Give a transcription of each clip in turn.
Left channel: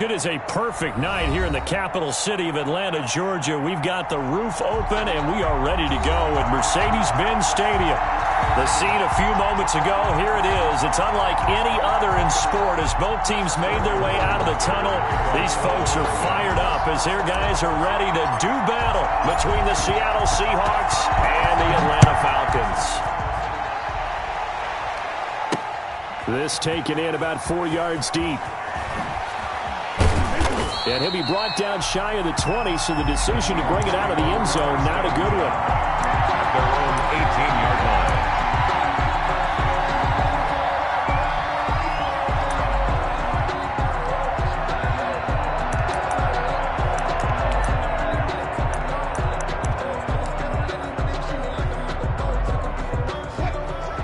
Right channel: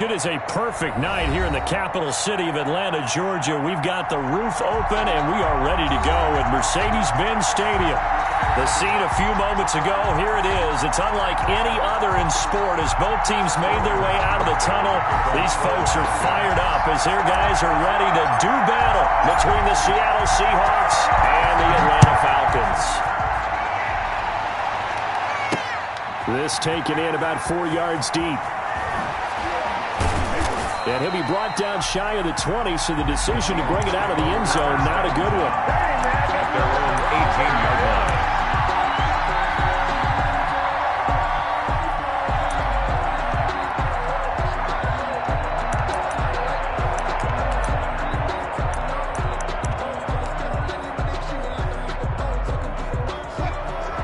It is a perfect night here in the capital city of Atlanta, Georgia. We've got the roof open, and we are ready to go at Mercedes-Benz Stadium. The scene a few moments ago, here it is. It's unlike any other in sport as both teams made their way out of the tunnel. These folks are fired up as their guys are ready to do battle between the Seattle Seahawks and the Atlanta Falcons. This taken in about 4 yards deep. And he'll be brought down shy of the 20, so the decision to bring it out of the end zone, not a good one. At their own 18-yard line.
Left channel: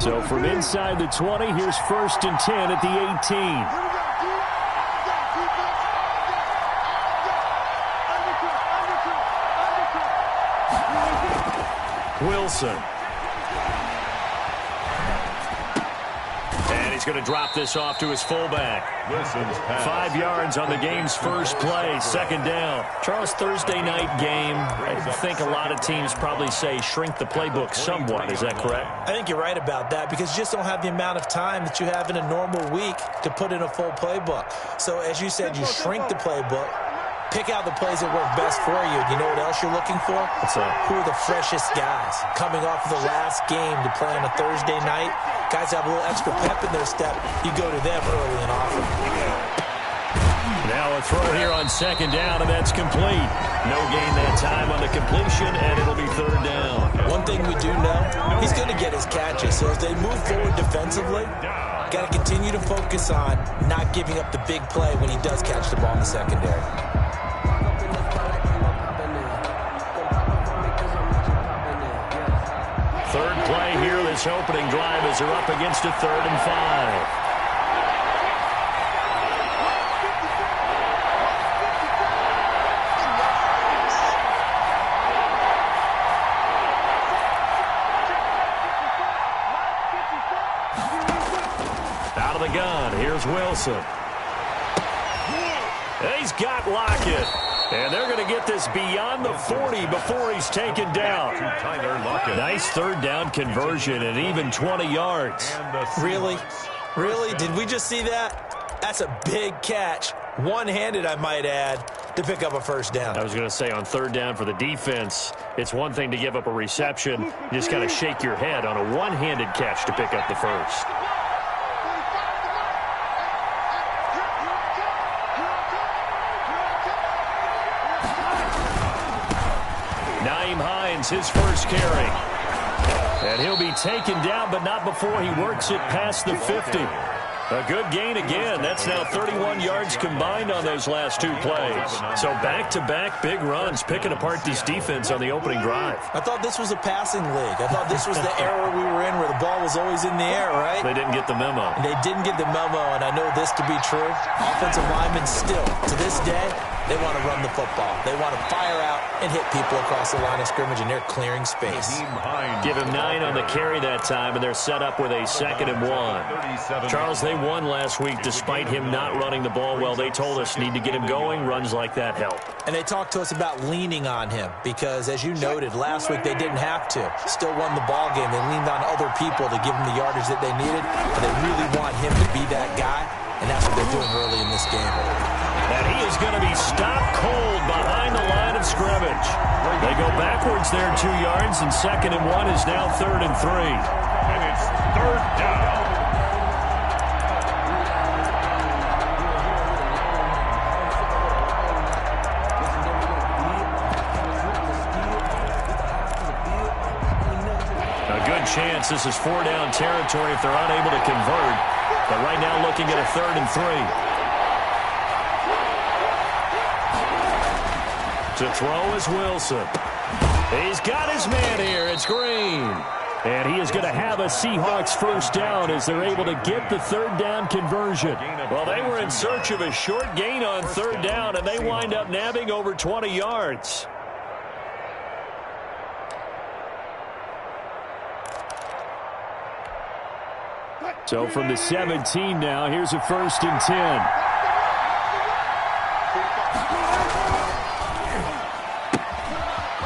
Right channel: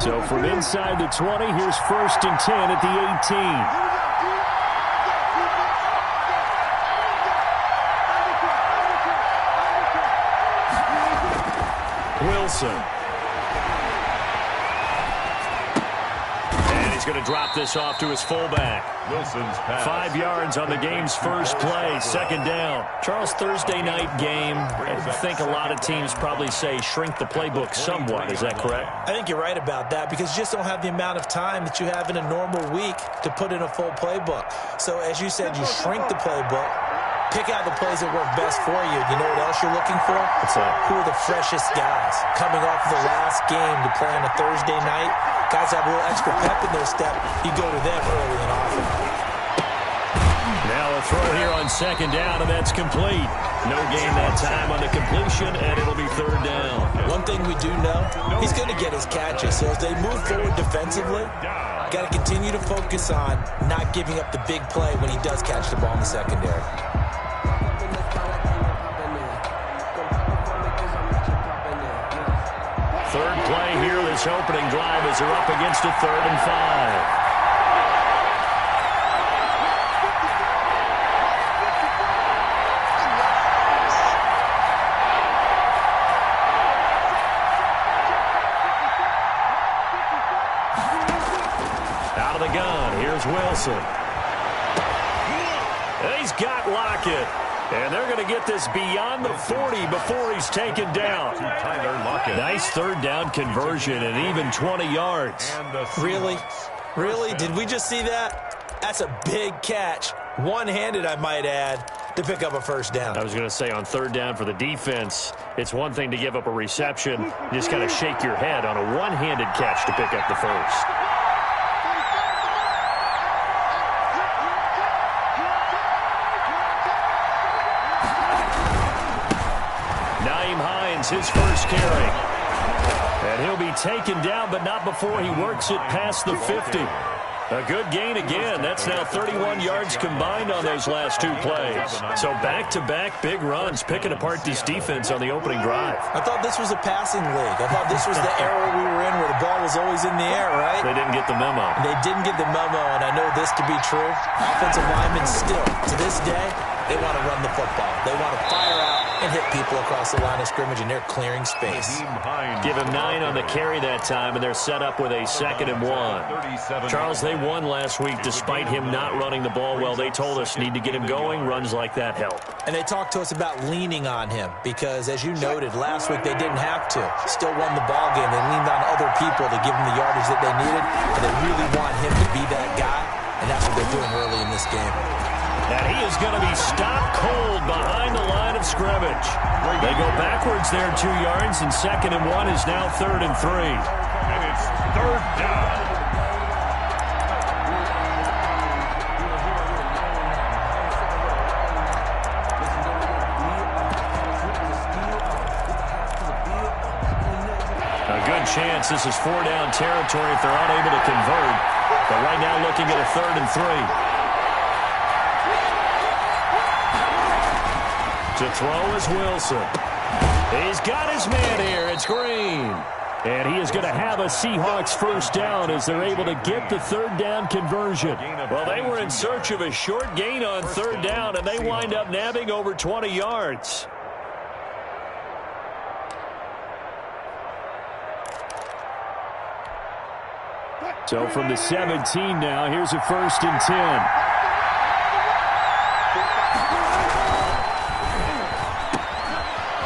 So from inside the 20, here's 1st and 10 at the 18. Wilson. And he's going to drop this off to his fullback. Wilson's pass. 5 yards on the game's first play, 2nd down. Charles, Thursday night game, I think a lot of teams probably say shrink the playbook somewhat. Is that correct? I think you're right about that because you just don't have the amount of time that you have in a normal week to put in a full playbook. So as you said, you shrink the playbook. Pick out the plays that work best for you. You know what else you're looking for? What's that? Who are the freshest guys coming off of the last game to play on a Thursday night? Guys have a little extra pep in their step. You go to them early and often. Now a throw here on 2nd down, and that's complete. No gain that time on the completion, and it'll be 3rd down. One thing we do know, he's going to get his catches. So as they move forward defensively, got to continue to focus on not giving up the big play when he does catch the ball in the secondary. 3rd play here, this opening drive as they're up against a 3rd and 5. Out of the gun, here's Wilson. He's got Lockett. And they're going to get this beyond the 40 before he's taken down. Nice 3rd down conversion and even 20 yards. Really? Really? Did we just see that? That's a big catch. One-handed, I might add, to pick up a 1st down. I was going to say on 3rd down for the defense, it's one thing to give up a reception. You just got to shake your head on a one-handed catch to pick up the 1st. His first carry. And he'll be taken down, but not before he works it past the 50. A good gain again. That's now 31 yards combined on those last 2 plays. So back-to-back big runs, picking apart this defense on the opening drive. I thought this was a passing league. I thought this was the era we were in where the ball was always in the air, right? They didn't get the memo. They didn't get the memo, and I know this to be true. Offensive linemen still, to this day, they want to run the football. They want to fire out and hit people across the line of scrimmage, and they're clearing space. Give him 9 on the carry that time, and they're set up with a 2nd and 1. Charles, they won last week despite him not running the ball well. They told us need to get him going. Runs like that help. And they talked to us about leaning on him because, as you noted, last week they didn't have to. Still won the ball game. They leaned on other people to give him the yardage that they needed, and they really want him to be that guy, and that's what they're doing early in this game. And he is going to be stopped cold behind the line of scrimmage. They go backwards there 2 yards, and 2nd and 1 is now 3rd and 3. And it's 3rd down. A good chance this is 4-down territory if they're unable to convert. But right now looking at a 3rd and 3. To throw is Wilson. He's got his man here. It's Green. And he is going to have a Seahawks 1st down as they're able to get the 3rd down conversion. Well, they were in search of a short gain on 3rd down, and they wind up nabbing over 20 yards. So from the 17 now, here's a 1st and 10.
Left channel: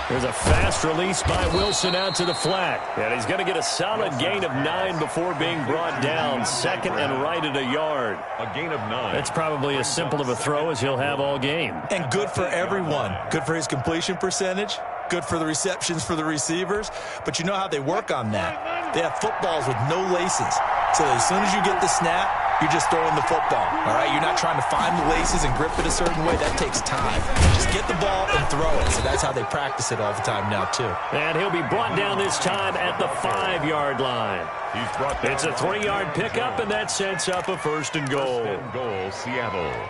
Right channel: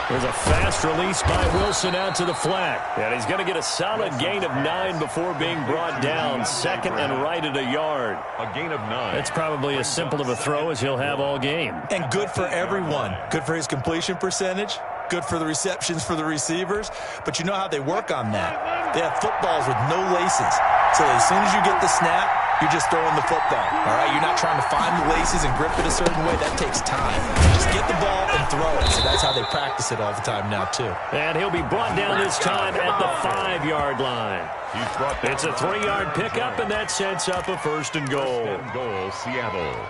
There's a fast release by Wilson out to the flat. And he's going to get a solid gain of 9 before being brought down. Second and right at a yard. A gain of 9. That's probably as simple of a throw as he'll have all game. And good for everyone. Good for his completion percentage. Good for the receptions for the receivers. But you know how they work on that. They have footballs with no laces. So as soon as you get the snap, you're just throwing the football. All right? You're not trying to find the laces and grip it a certain way. That takes time. Just get the ball and throw it. So that's how they practice it all the time now, too. And he'll be brought down this time at the 5-yard line. It's a 3-yard pickup, and that sets up a first and goal. First and goal, Seattle.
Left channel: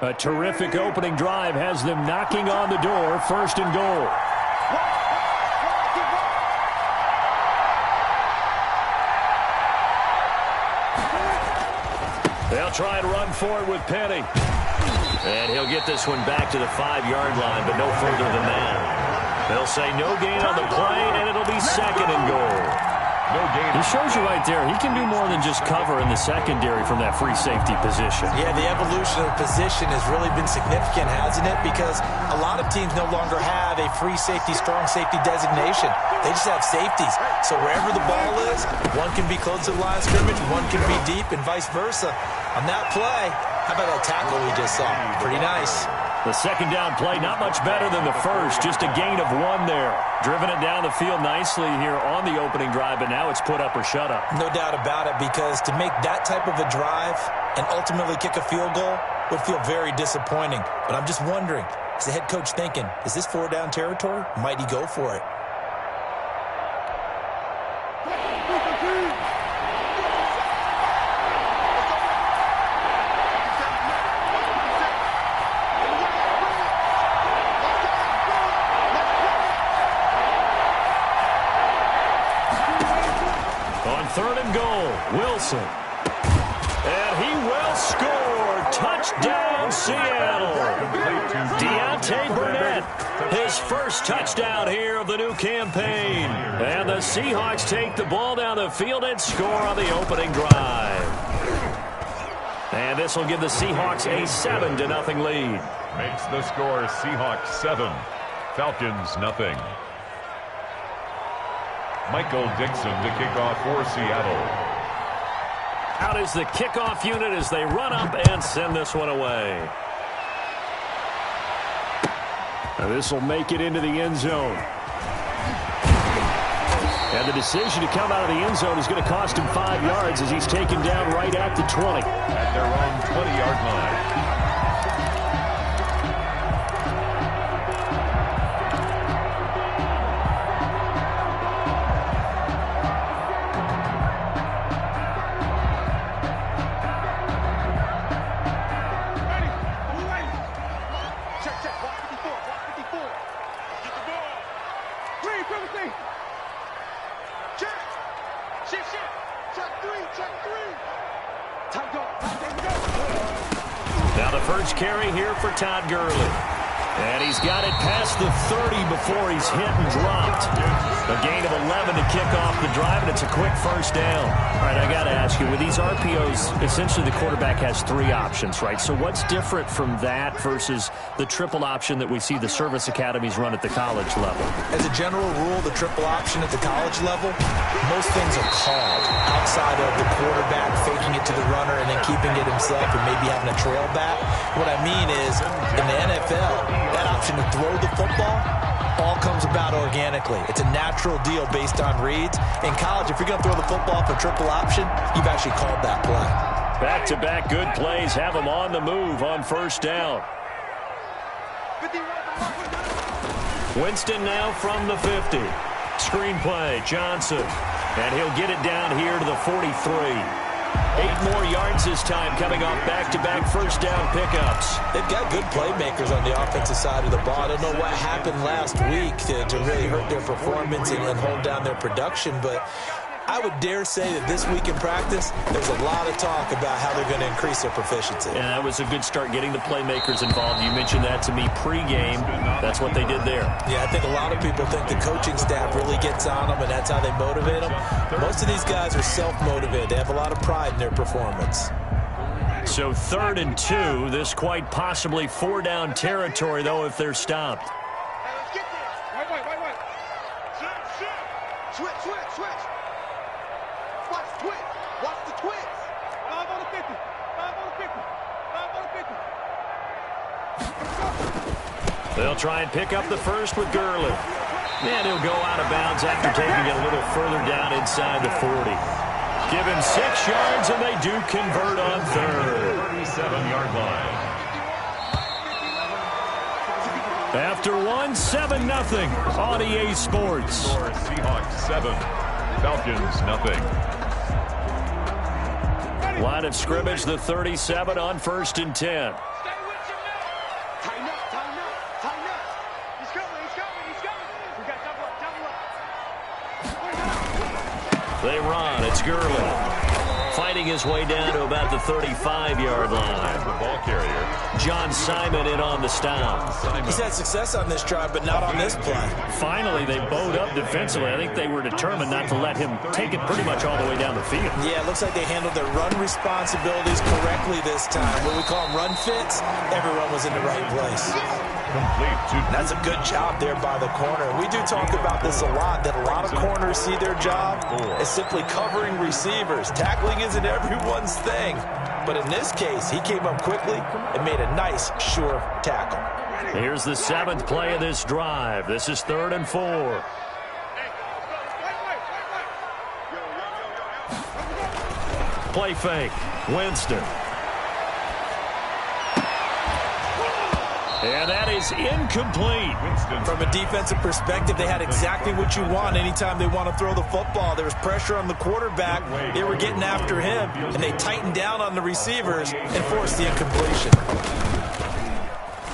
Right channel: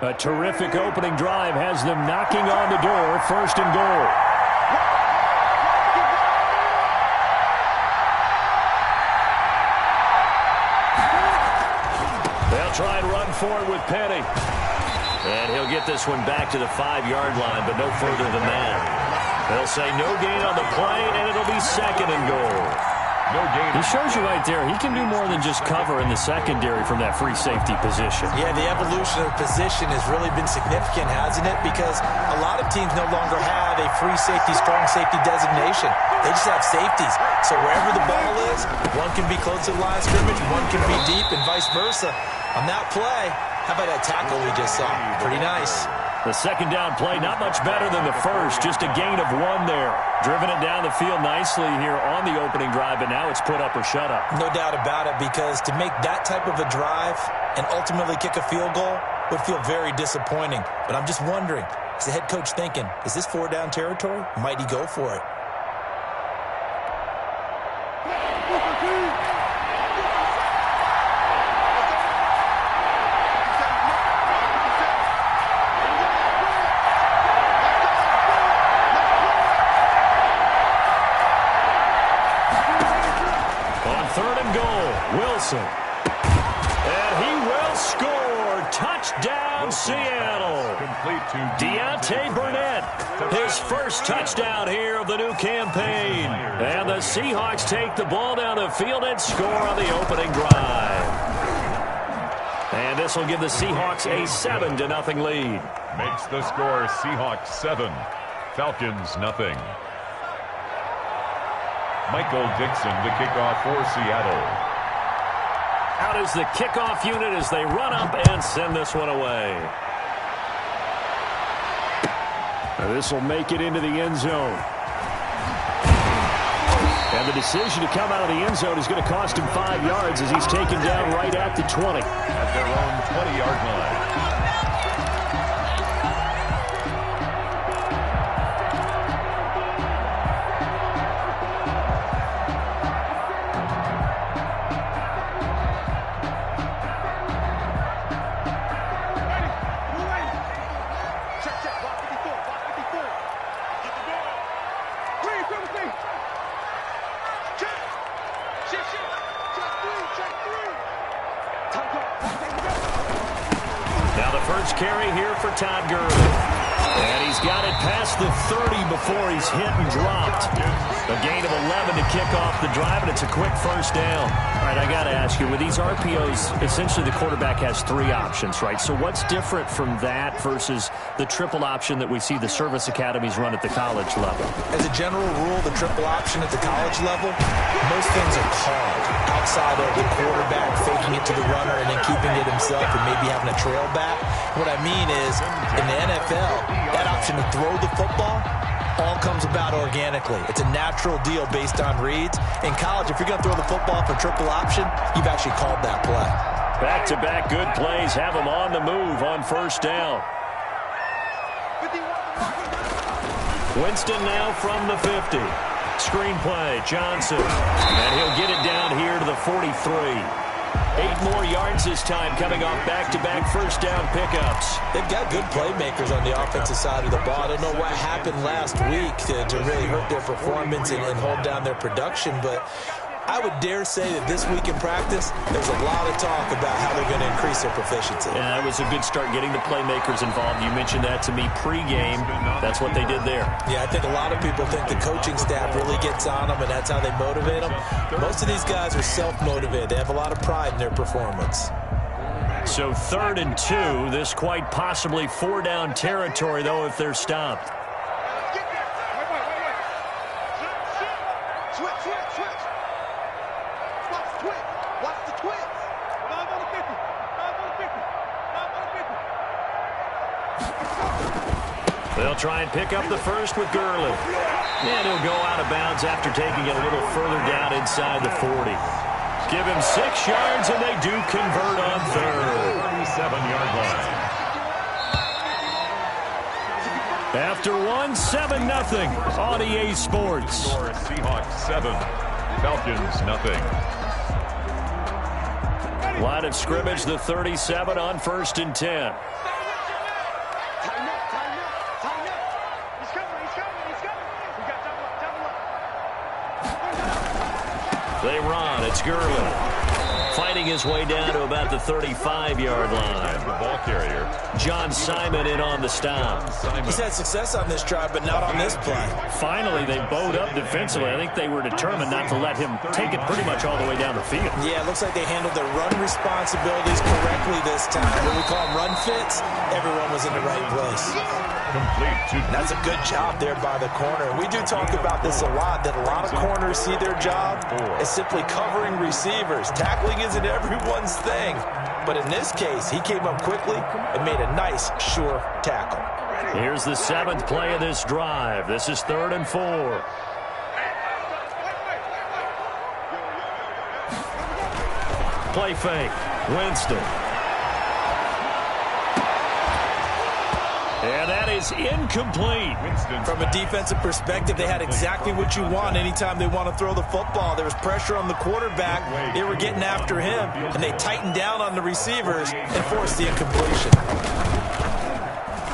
A terrific opening drive has them knocking on the door. First and goal. They'll try and run forward with Penny. And he'll get this one back to the 5-yard line, but no further than that. They'll say no gain on the play, and it'll be second and goal. No gain. He shows you right there, he can do more than just cover in the secondary from that free safety position. Yeah, the evolution of the position has really been significant, hasn't it? Because a lot of teams no longer have a free safety, strong safety designation. They just have safeties. So wherever the ball is, one can be close to the line of scrimmage, one can be deep, and vice versa. On that play, how about that tackle we just saw? Pretty nice. The second down play, not much better than the first. Just a gain of 1 there. Driven it down the field nicely here on the opening drive, but now it's put up or shut up. No doubt about it, because to make that type of a drive and ultimately kick a field goal would feel very disappointing. But I'm just wondering, is the head coach thinking, is this 4-down territory? Might he go for it? Third and goal, Wilson. And he will score. Touchdown, Seattle. Deontay Burnett, his first touchdown here of the new campaign. And the Seahawks take the ball down the field and score on the opening drive. And this will give the Seahawks a 7-0 lead. Makes the score Seahawks 7, Falcons nothing. Michael Dixon to kick off for Seattle. Out is the kickoff unit as they run up and send this one away. Now this will make it into the end zone. And the decision to come out of the end zone is going to cost him 5 yards as he's taken down right at the 20. At their own 20-yard line. Now the first carry here for Todd Gurley. And he's got it past the 30 before he's hit and dropped. A gain of 11 to kick off the drive, and it's a quick first down. All right, I got to ask you, with these RPOs, essentially the quarterback has 3 options, right? So what's different from that versus the triple option that we see the service academies run at the college level? As a general rule, the triple option at the college level, most things are called outside of the quarterback faking it to the runner and then keeping it himself and maybe having a trail back. What I mean is, in the NFL, that option to throw the football all comes about organically. It's a natural deal based on reads. In college, if you're going to throw the football for triple option, you've actually called that play. Back-to-back good plays have them on the move on first down. Winston now from the 50. Screen play, Johnson. And he'll get it down here to the 43. 8 more yards this time coming off back-to-back first down pickups. They've got good playmakers on the offensive side of the ball. I don't know what happened last week to really hurt their performance and hold down their production, but I would dare say that this week in practice, there's a lot of talk about how they're going to increase their proficiency. Yeah, that was a good start getting the playmakers involved. You mentioned that to me pregame. That's what they did there. Yeah, I think a lot of people think the coaching staff really gets on them, and that's how they motivate them. Most of these guys are self-motivated. They have a lot of pride in their performance. So 3rd and 2. This quite possibly 4-down territory, though, if they're stopped. Hey, let's get there. Wait. Switch. Watch the twitch. Watch the twitch. 5 on the 50. 5 on the 50. 5 on the 50. They'll try and pick up the first with Gurley. And he'll go out of bounds after taking it a little further down inside the 40. Give him 6 yards, and they do convert on 3rd. 37-yard line. After 1, 7-0 on EA Sports. Score Seahawks 7, Falcons nothing. Line of scrimmage, the 37 on 1st and 10. Stay with your man. Tighten up. He's coming. We got double up. They run. It's Gurley. Fighting his way down to about the 35-yard line. The ball carrier. John Simon in on the stop. He's had success on this drive, but not on this play. Finally, they bowed up defensively. I think they were determined not to let him take it pretty much all the way down the field. Yeah, it looks like they handled their run responsibilities correctly this time. When we call them run fits, everyone was in the right place. Complete to That's a good job there by the corner. We do talk about this a lot, that a lot of corners see their job as simply covering receivers. Tackling isn't everyone's thing. But in this case, he came up quickly and made a nice, sure tackle. Here's the 7th play of this drive. This is 3rd and 4. Play fake. Winston. And that is incomplete. From a defensive perspective, they had exactly what you want anytime they want to throw the football. There was pressure on the quarterback. They were getting after him, and they tightened down on the receivers and forced the incompletion.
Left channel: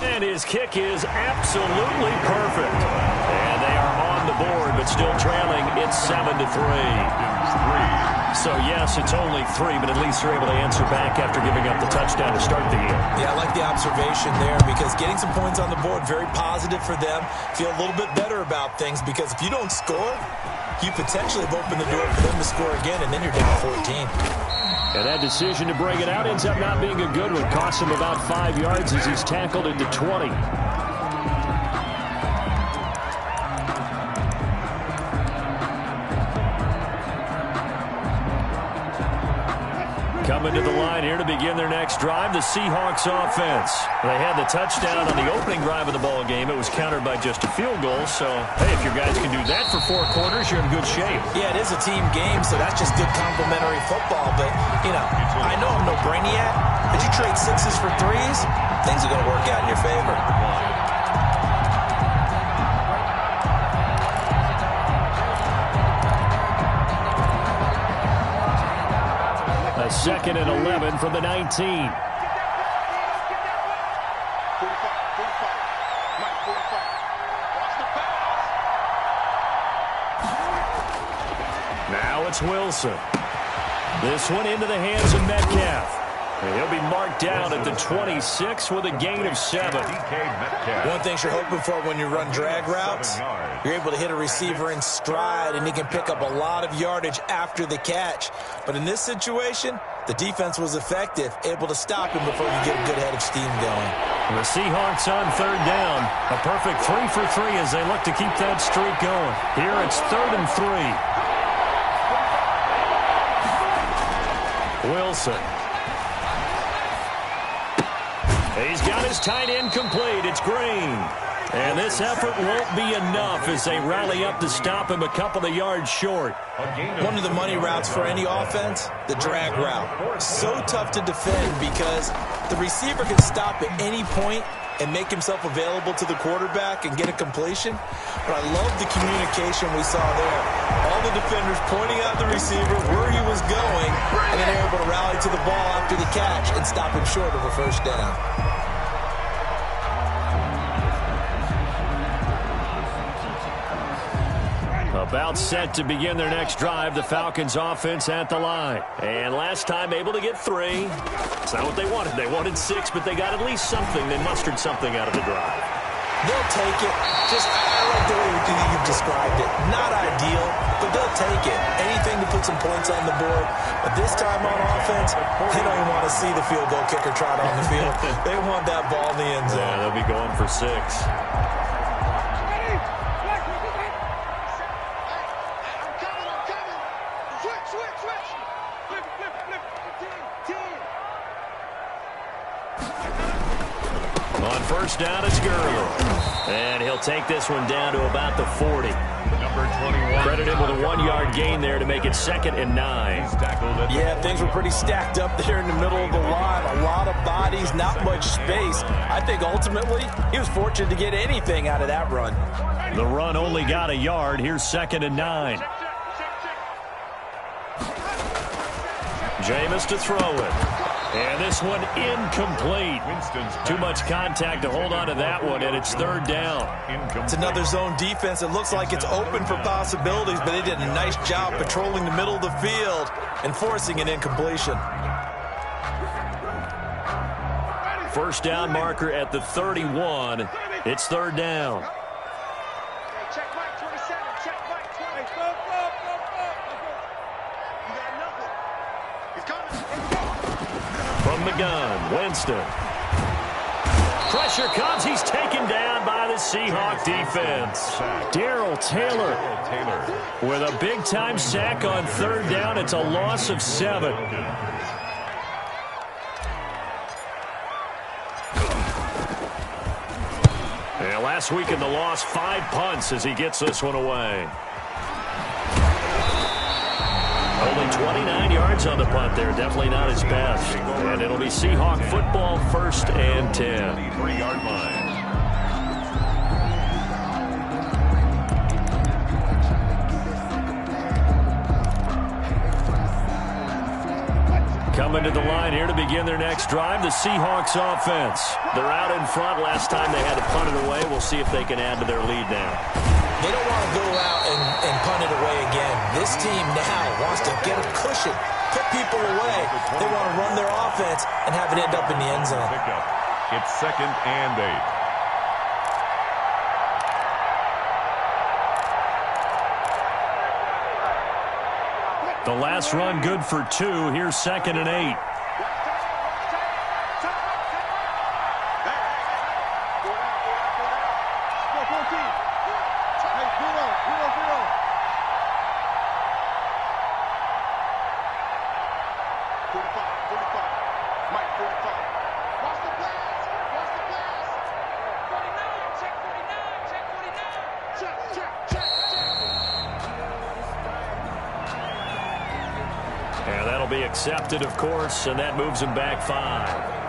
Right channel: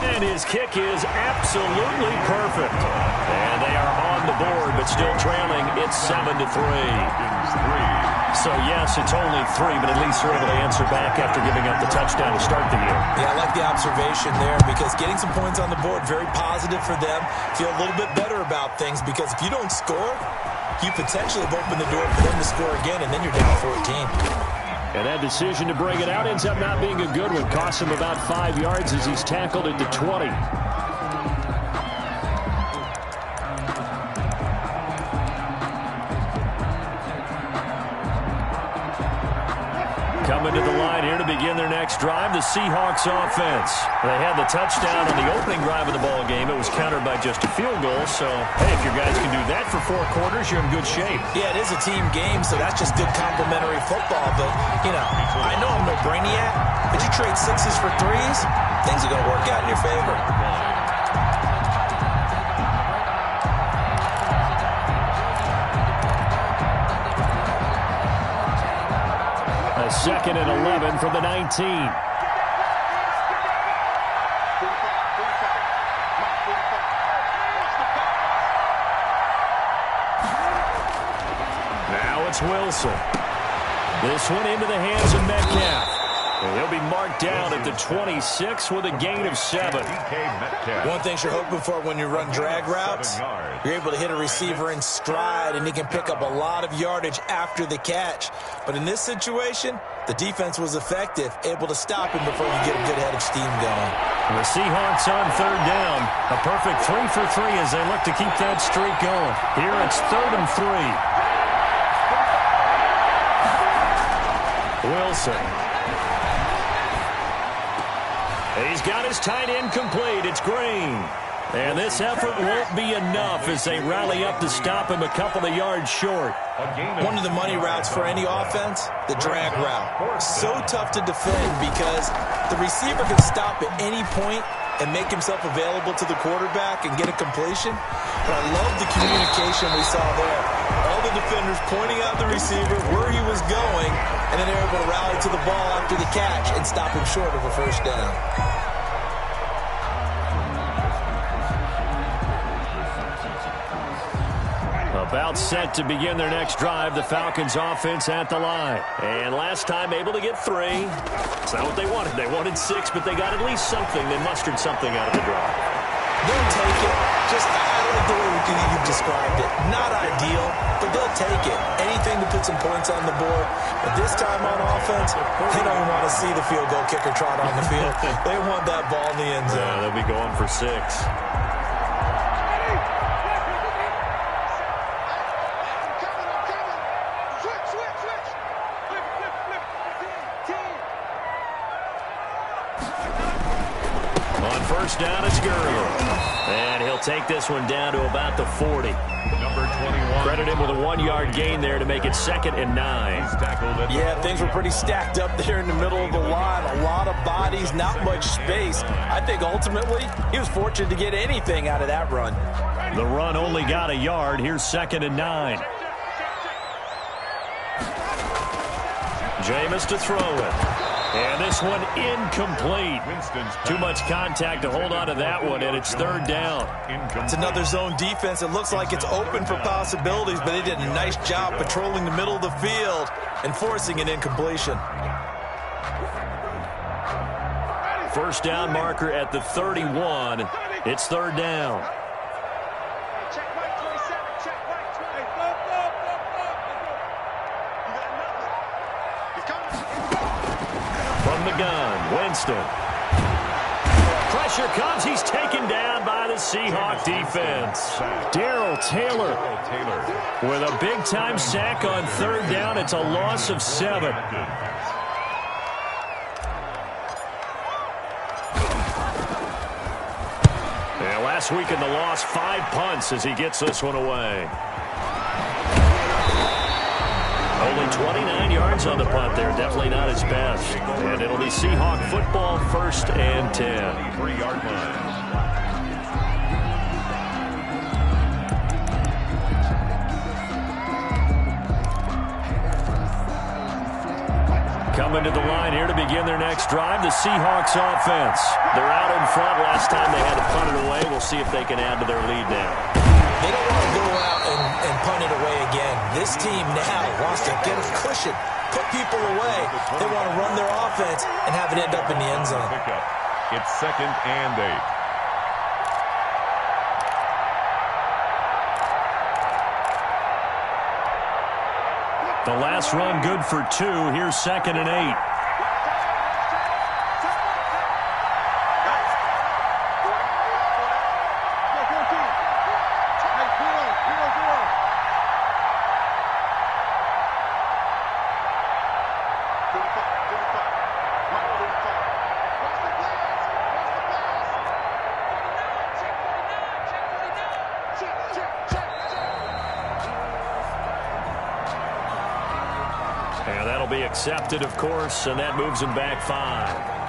And his kick is absolutely perfect. And they are on the board, but still trailing. It's 7-3. So, yes, it's only 3, but at least they're able to answer back after giving up the touchdown to start the year. Yeah, I like the observation there because getting some points on the board, very positive for them. Feel a little bit better about things because if you don't score, you potentially have opened the door for them to score again, and then you're down 14. And that decision to bring it out ends up not being a good one. Costs him about 5 yards as he's tackled at the 20. Coming to the line here to begin their next drive, the Seahawks offense. They had the touchdown on the opening drive of the ball game. It was countered by just a field goal. So, hey, if your guys can do that for 4 quarters, you're in good shape. Yeah, it is a team game, so that's just good complementary football. But, you know, I know I'm no brainiac, but you trade 6s for 3s, things are going to work out in your favor. A 2nd and 11 from the 19. Now it's Wilson. This one into the hands of Metcalf. And he'll be marked down at the 26 with a gain of 7. One thing you're hoping for when you run drag routes, you're able to hit a receiver in stride, and he can pick up a lot of yardage after the catch. But in this situation, the defense was effective, able to stop him before you get a good head of steam going. The Seahawks on 3rd down. A perfect 3 for 3 as they look to keep that streak going. Here it's 3rd and 3. Wilson. He's got his tight end complete. It's Green. And this effort won't be enough as they rally up to stop him a couple of yards short. One of the money routes for any offense, the drag route. So tough to defend because the receiver can stop at any point and make himself available to the quarterback and get a completion. But I love the communication we saw there. All the defenders pointing out the receiver where he was going, and then they're able to rally to the ball after the catch and stop him short of a 1st down. About set to begin their next drive, the Falcons offense at the line. And last time able to get 3. It's not what they wanted. They wanted 6, but they got at least something. They mustered something out of the drive. They'll take it. I like the way you've described it. Not ideal, but they'll take it. Anything to put some points on the board. But this time on offense, they don't even want to see the field goal kicker trot on the field. They want that ball in the end zone. Yeah, they'll be going for 6. On first down, it's Gurley. And he'll take this one down to about the 40. Number 21. Credit him with a 1-yard gain there to make it 2nd and 9. Yeah, things were pretty stacked up there in the middle of the line. A lot of bodies, not much space. I think ultimately he was fortunate to get anything out of that run. The run only got a yard. Here's 2nd and 9. Jameis to throw it. And this one incomplete. Too much contact to hold on to that one, and it's 3rd down. It's another zone defense. It looks like it's open for possibilities, but they did a nice job patrolling the middle of the field and forcing an incompletion. First down marker at the 31. It's 3rd down. Check Mike 27. Check Mike 20. Hey, go. You got nothing. He's coming. From the gun, Winston. Pressure comes. He's taken down by the Seahawk defense. Darrell Taylor with a big-time sack on 3rd down. It's a loss of 7. And last week in the loss, 5 punts as he gets this one away. Only 29 yards on the punt there. Definitely not his best. And it'll be Seahawk football, 1st and 10. 3-yard line. Coming to the line here to begin their next drive, the Seahawks offense. They're out in front. Last time they had to punt it away. We'll see if they can add to their lead now. They don't want to go out and punt it away again. This team now wants to get a cushion, put people away. They want to run their offense and have it end up in the end zone. It's 2nd and 8. The last run good for 2. Here's 2nd and 8. And that'll be accepted, of course, and that moves him back 5.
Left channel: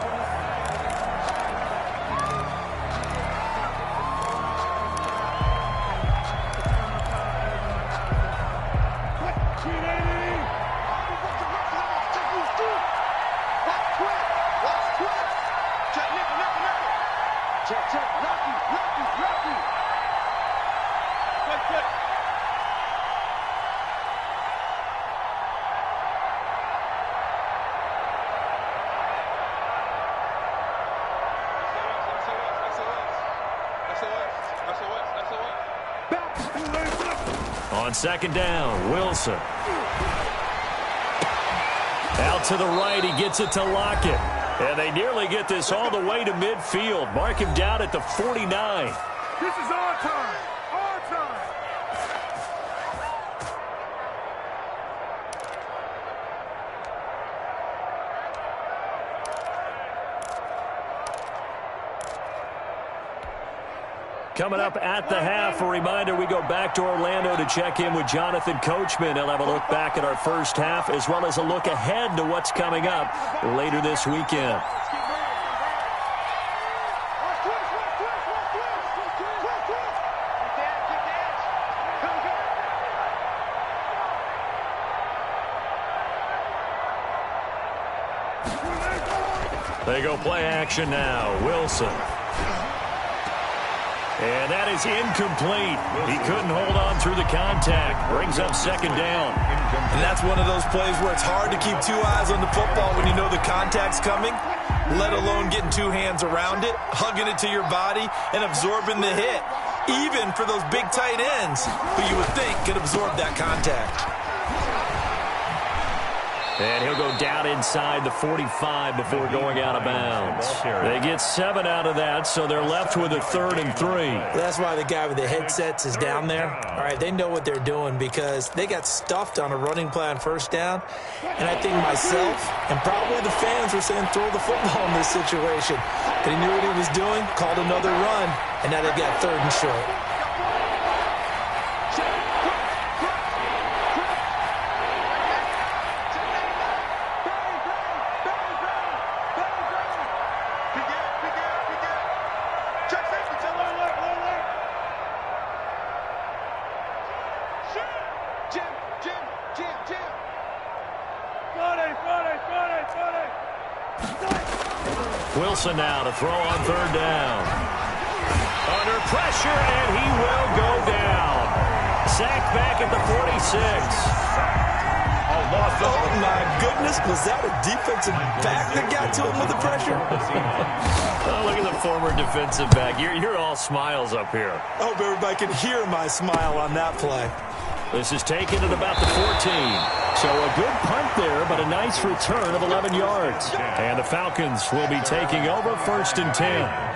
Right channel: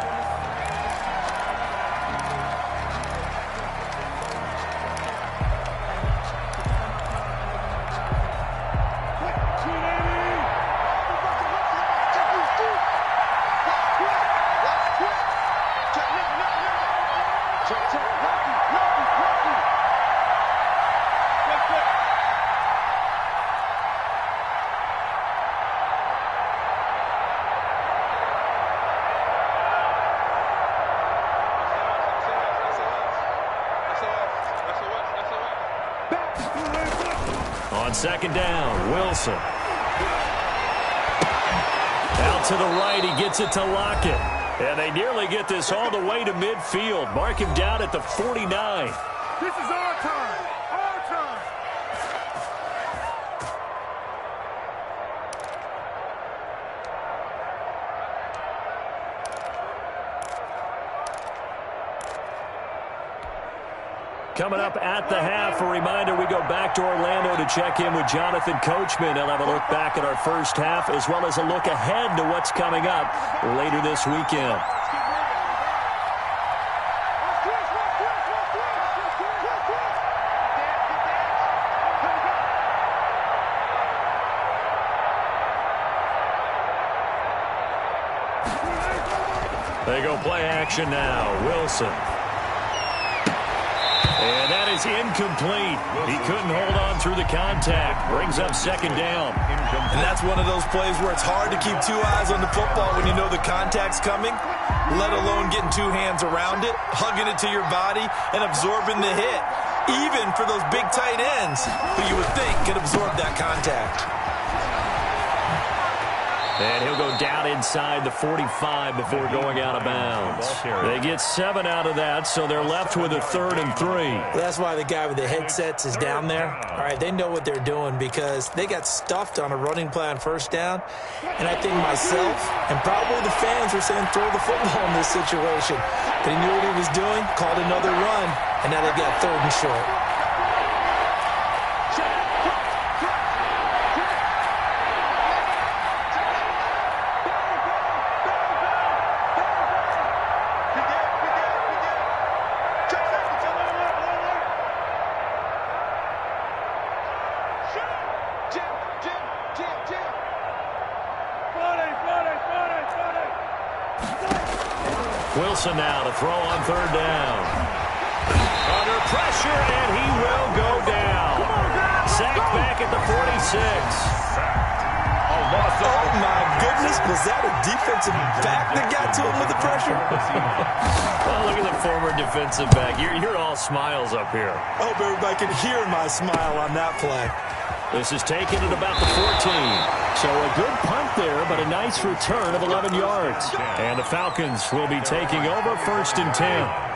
On 2nd down, Wilson. Out to the right, he gets it to Lockett. And they nearly get this all the way to midfield. Mark him down at the 49. This is our time. Our time. Coming up at the half, a reminder, we go back to Orlando to check in with Jonathan Coachman. He'll have a look back at our first half as well as a look ahead to what's coming up later this weekend. They go play action now. Wilson. And that is incomplete. He couldn't hold on through the contact. Brings up 2nd down. And that's one of those plays where it's hard to keep 2 eyes on the football when you know the contact's coming. let alone getting two hands around it, hugging it to your body, and absorbing the hit, even for those big tight ends who you would think could absorb that contact. And he'll go down inside the 45 before going out of bounds. They get 7 out of that, so they're left with a 3rd and 3. That's why the guy with the headsets is down there. All right, they know what they're doing because they got stuffed on a running play on 1st down. And I think myself and probably the fans were saying throw the football in this situation. But he knew what he was doing, called another run, and now they've got 3rd and short. Wilson now to throw on 3rd down. Under pressure, and he will go down. Sacked back at the 46. Oh, my goodness. Was that a defensive back that got to him with the pressure? Oh, look at the former defensive back. You're all smiles up here. I hope everybody can hear my smile on that play. This is taken at about the 14. So a good punt there, but a nice return of 11 yards. And the Falcons will be taking over 1st and 10.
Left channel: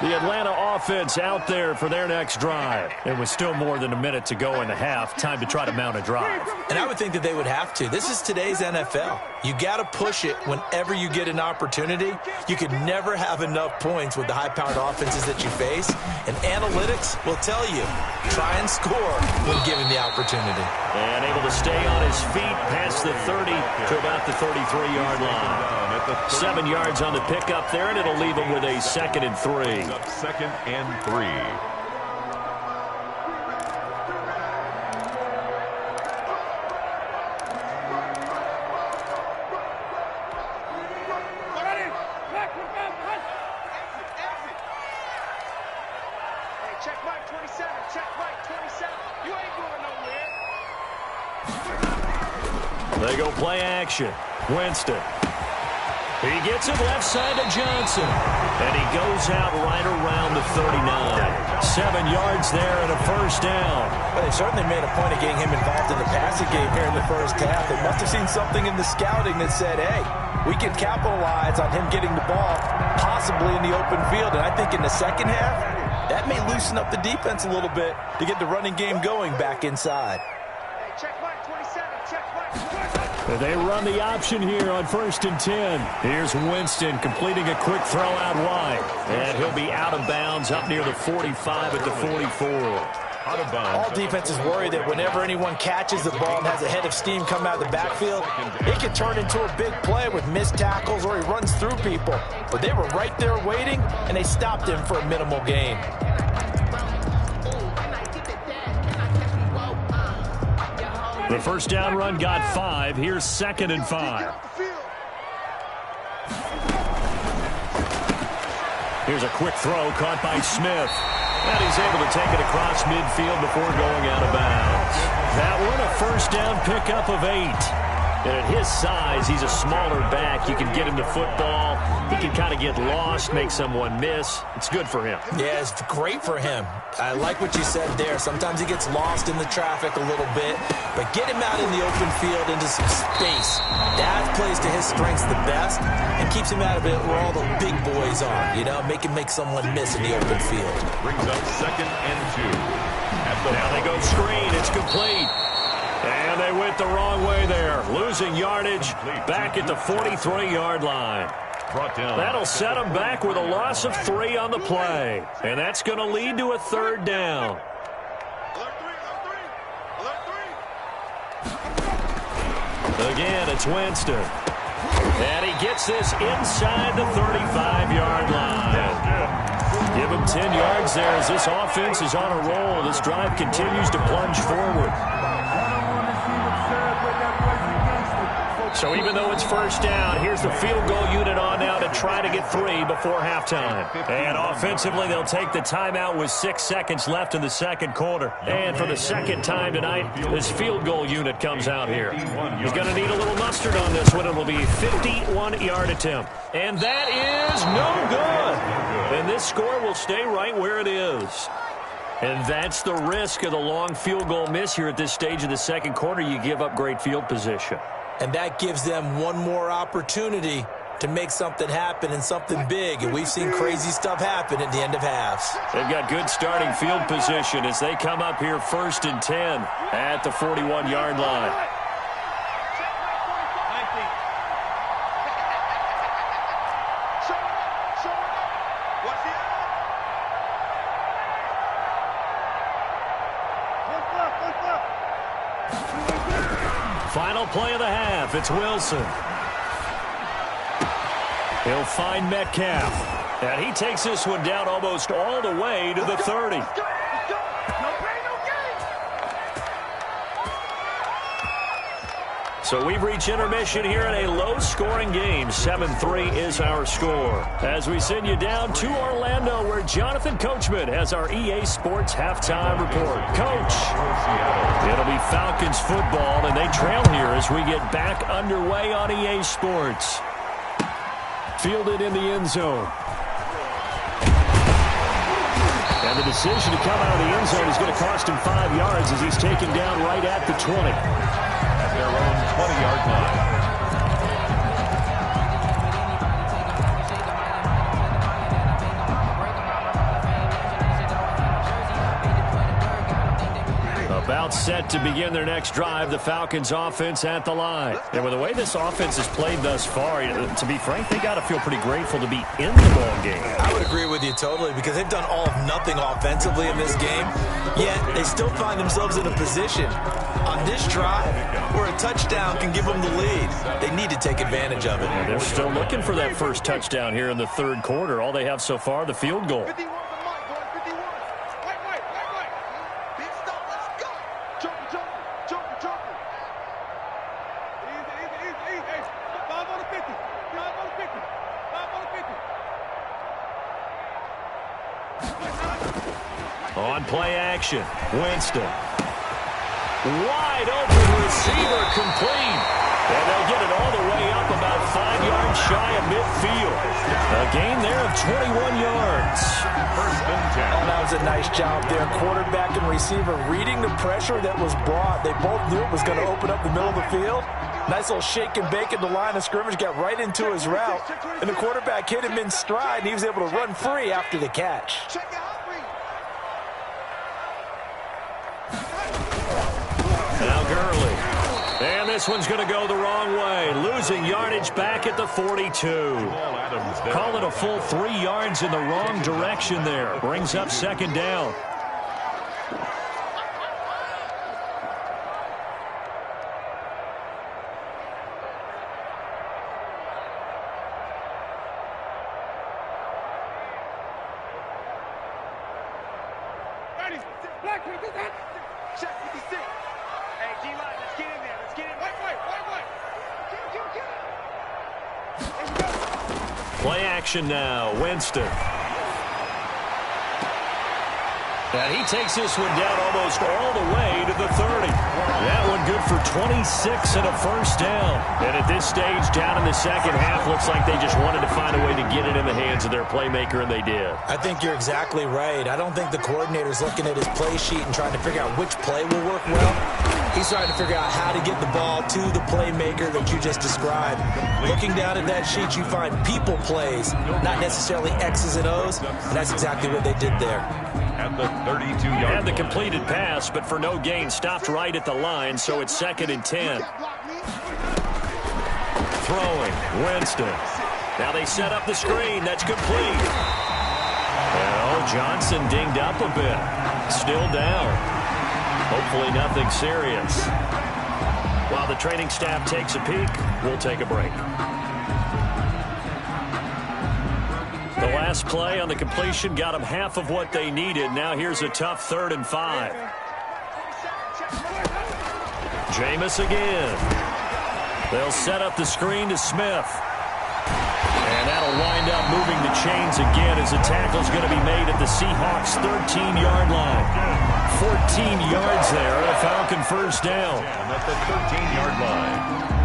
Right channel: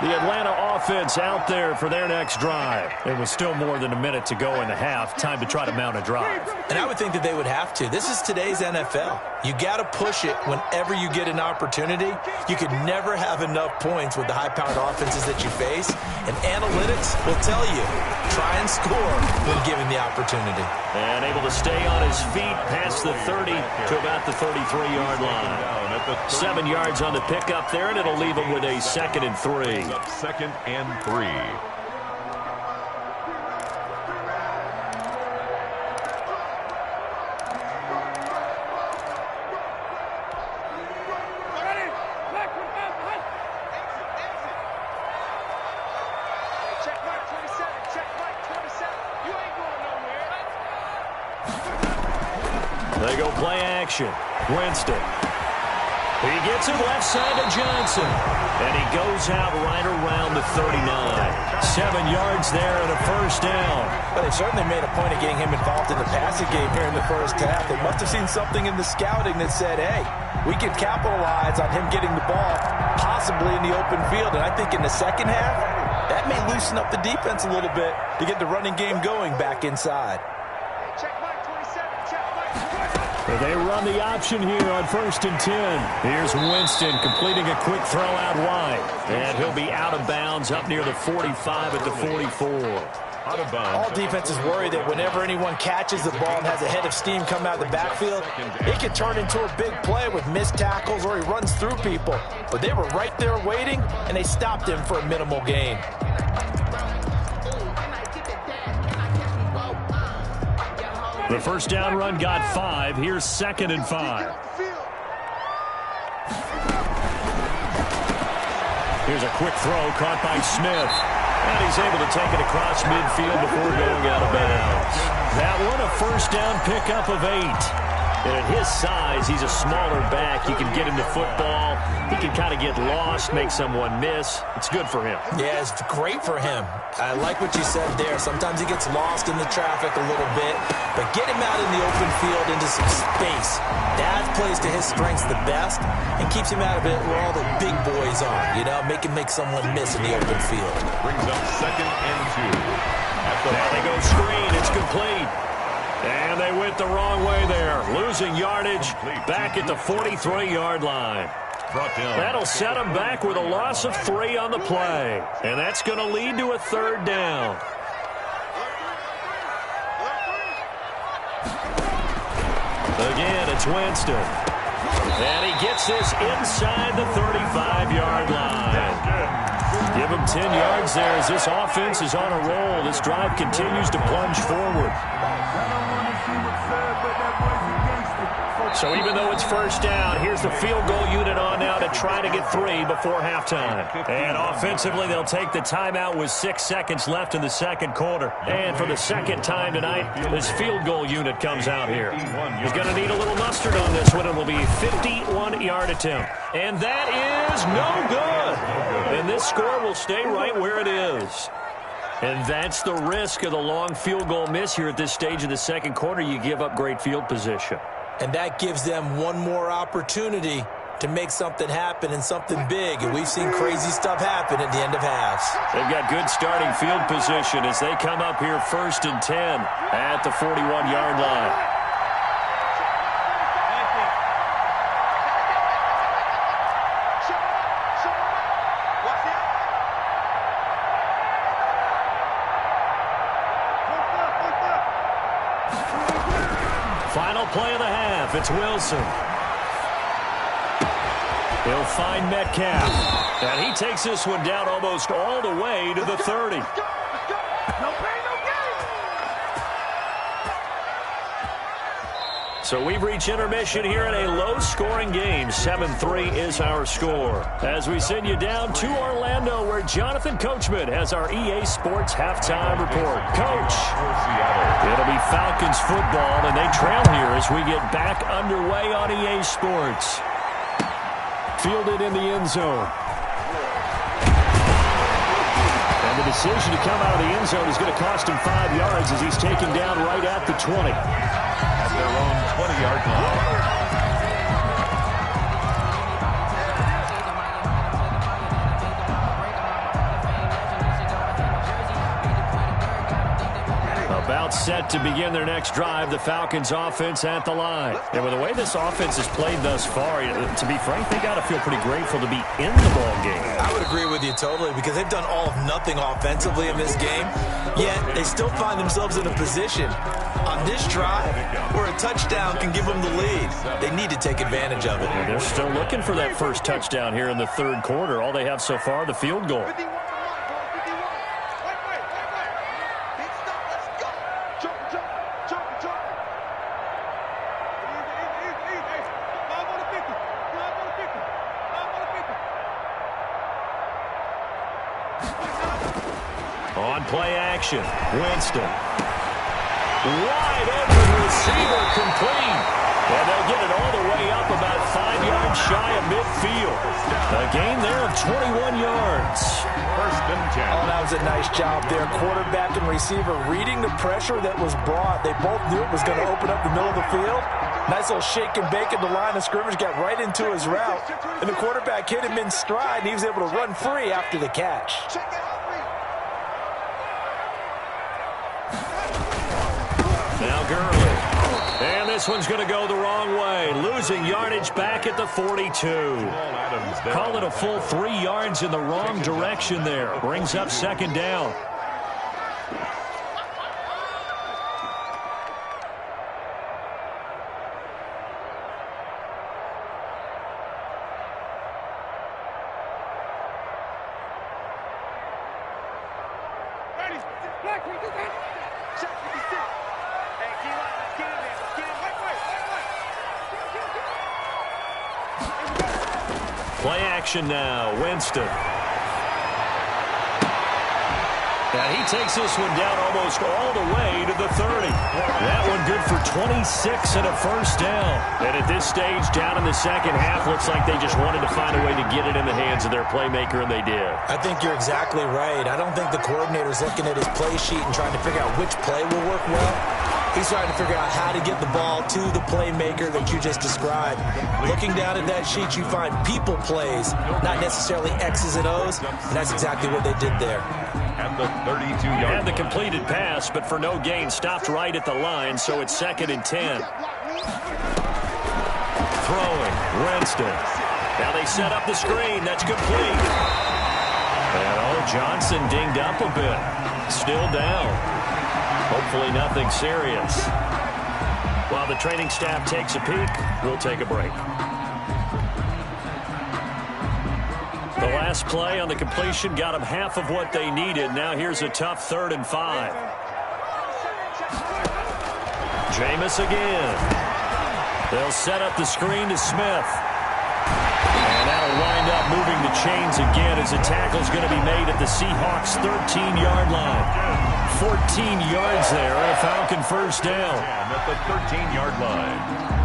The Atlanta offense out there for their next drive. And with still more than a minute to go in the half, time to try to mount a drive. And I would think that they would have to. This is today's NFL. You got to push it whenever you get an opportunity. You could never have enough points with the high-powered offenses that you face. And analytics will tell you, try and score when given the opportunity. And able to stay on his feet past the 30 to about the 33-yard line. 7 yards on the pickup there, and it'll leave him with a 2nd and 3. Up 2nd and 3. Check Mike 27. Check Mike 27. You ain't going nowhere. They go play action. Winston. He gets it left side to Johnson. And he goes out right around the 39. 7 yards there and a 1st down. Well, they certainly made a point of getting him involved in the passing game here in the 1st half. They must have seen something in the scouting that said, hey, we can capitalize on him getting the ball possibly in the open field. And I think in the 2nd half, that may loosen up the defense a little bit to get the running game going back inside. Hey, check Mike 27. Check Mike 27. They run the option here on 1st and 10. Here's Winston completing a quick throw out wide. And he'll be out of bounds up near the 45 at the 44. Out of bounds. All defenses worry that whenever anyone catches the ball and has a head of steam come out of the backfield, it can turn into a big play with missed tackles or he runs through people. But they were right there waiting, and they stopped him for a minimal gain. The 1st down run got 5. Here's 2nd and 5. Here's a quick throw caught by Smith. And he's able to take it across midfield before going out of bounds. That one, a 1st down pickup of 8. And at his size, he's a smaller back. You can get him to football. He can kind of get lost, make someone miss. It's good for him. Yeah, it's great for him. I like what you said there. Sometimes he gets lost in the traffic a little bit, but get him out in the open field into some space. That plays to his strengths the best and keeps him out of it where all the big boys are, you know, make someone miss in the open field. Brings up 2nd and 2. Now they go screen. It's complete. And they went the wrong way there. Losing yardage back at the 43-yard line. That'll set them back with a loss of 3 on the play. And that's going to lead to a 3rd down. Again, it's Winston. And he gets this inside the 35-yard line. Give him 10 yards there as this offense is on a roll. This drive continues to plunge forward. So even though it's first down, here's the field goal unit on now to try to get 3 before halftime. And offensively, they'll take the timeout with 6 seconds left in the second quarter. And for the second time tonight, this field goal unit comes out here. He's going to need a little mustard on this one. It will be a 51-yard attempt. And that is no good. And this score will stay right where it is. And that's the risk of the long field goal miss here at this stage of the second quarter. You give up great field position. And that gives them one more opportunity to make something happen and something big. And we've seen crazy stuff happen at the end of halves. They've got good starting field position as they come up here 1st and 10 at the 41-yard line. Final play of the half. It's Wilson. He'll find Metcalf. And he takes this one down almost all the way to the 30. No pain, no gain. So we've reached intermission here in a low-scoring game. 7-3 is our score. As we send you down to Orlando, where Jonathan Coachman has our EA Sports halftime report. Coach, it'll be Falcons football, and they trail here as we get back underway on EA Sports. Fielded in the end zone. And the decision to come out of the end zone is going to cost him 5 yards as he's taken down right at the 20. At their own 20-yard line. About set to begin their next drive, the Falcons offense at the line. And with the way this offense has played thus far, to be frank, they got to feel pretty grateful to be in the ball game. I would agree with you totally because they've done all of nothing offensively in this game, yet they still find themselves in a position on this drive where a touchdown can give them the lead. They need to take advantage of it. And they're still looking for that first touchdown here in the third quarter. All they have so far, the field goal. 51 for Mike, boys. 51. Wait. Big stop. Let's go. Joker. Easy. Hey, 5 on the 50. 5 on the 50. 5 on the 50. On play action, Winston. Wide open receiver complete. And they'll get it all the way up about 5 yards shy of midfield. A gain there of 21 yards. 1st and 10. Oh, that was a nice job there. Quarterback and receiver reading the pressure that was brought. They both knew it was going to open up the middle of the field. Nice little shake and bake at the line of scrimmage, got right into his route. And the quarterback hit him in stride, and he was able to run free after the catch. Check it out. Now Gurley. And this one's going to go the wrong way. Losing yardage back at the 42. Call it a full 3 yards in the wrong direction there. Brings up 2nd down. Black 56. Check 56. Hey, D-line, let's get in there. Let's get in. Wait. Kill. Play action now. Winston. And he takes this one down almost all the way to the 30. That one good for 26 and a first down. And at this stage, down in the second half, looks like they just wanted to find a way to get it in the hands of their playmaker, and they did. I think you're exactly right. I don't think the coordinator's looking at his play sheet and trying to figure out which play will work well. He's trying to figure out how to get the ball to the playmaker that you just described. Looking down at that sheet, you find people plays, not necessarily X's and O's, and that's exactly what they did there. At the 32-yard line. Had the completed pass, but for no gain, stopped right at the line, so it's 2nd and 10. Throwing, Winston. Now they set up the screen. That's complete. And, Johnson dinged up a bit. Still down. Hopefully nothing serious. While the training staff takes a peek, we'll take a break. The last play on the completion got them half of what they needed. Now here's a tough 3rd and 5. Jameis again. They'll set up the screen to Smith. And that'll wind up moving the chains again as the tackle's going to be made at the Seahawks' 13-yard line. 14 yards there and a Falcon first down. And at the 13-yard line.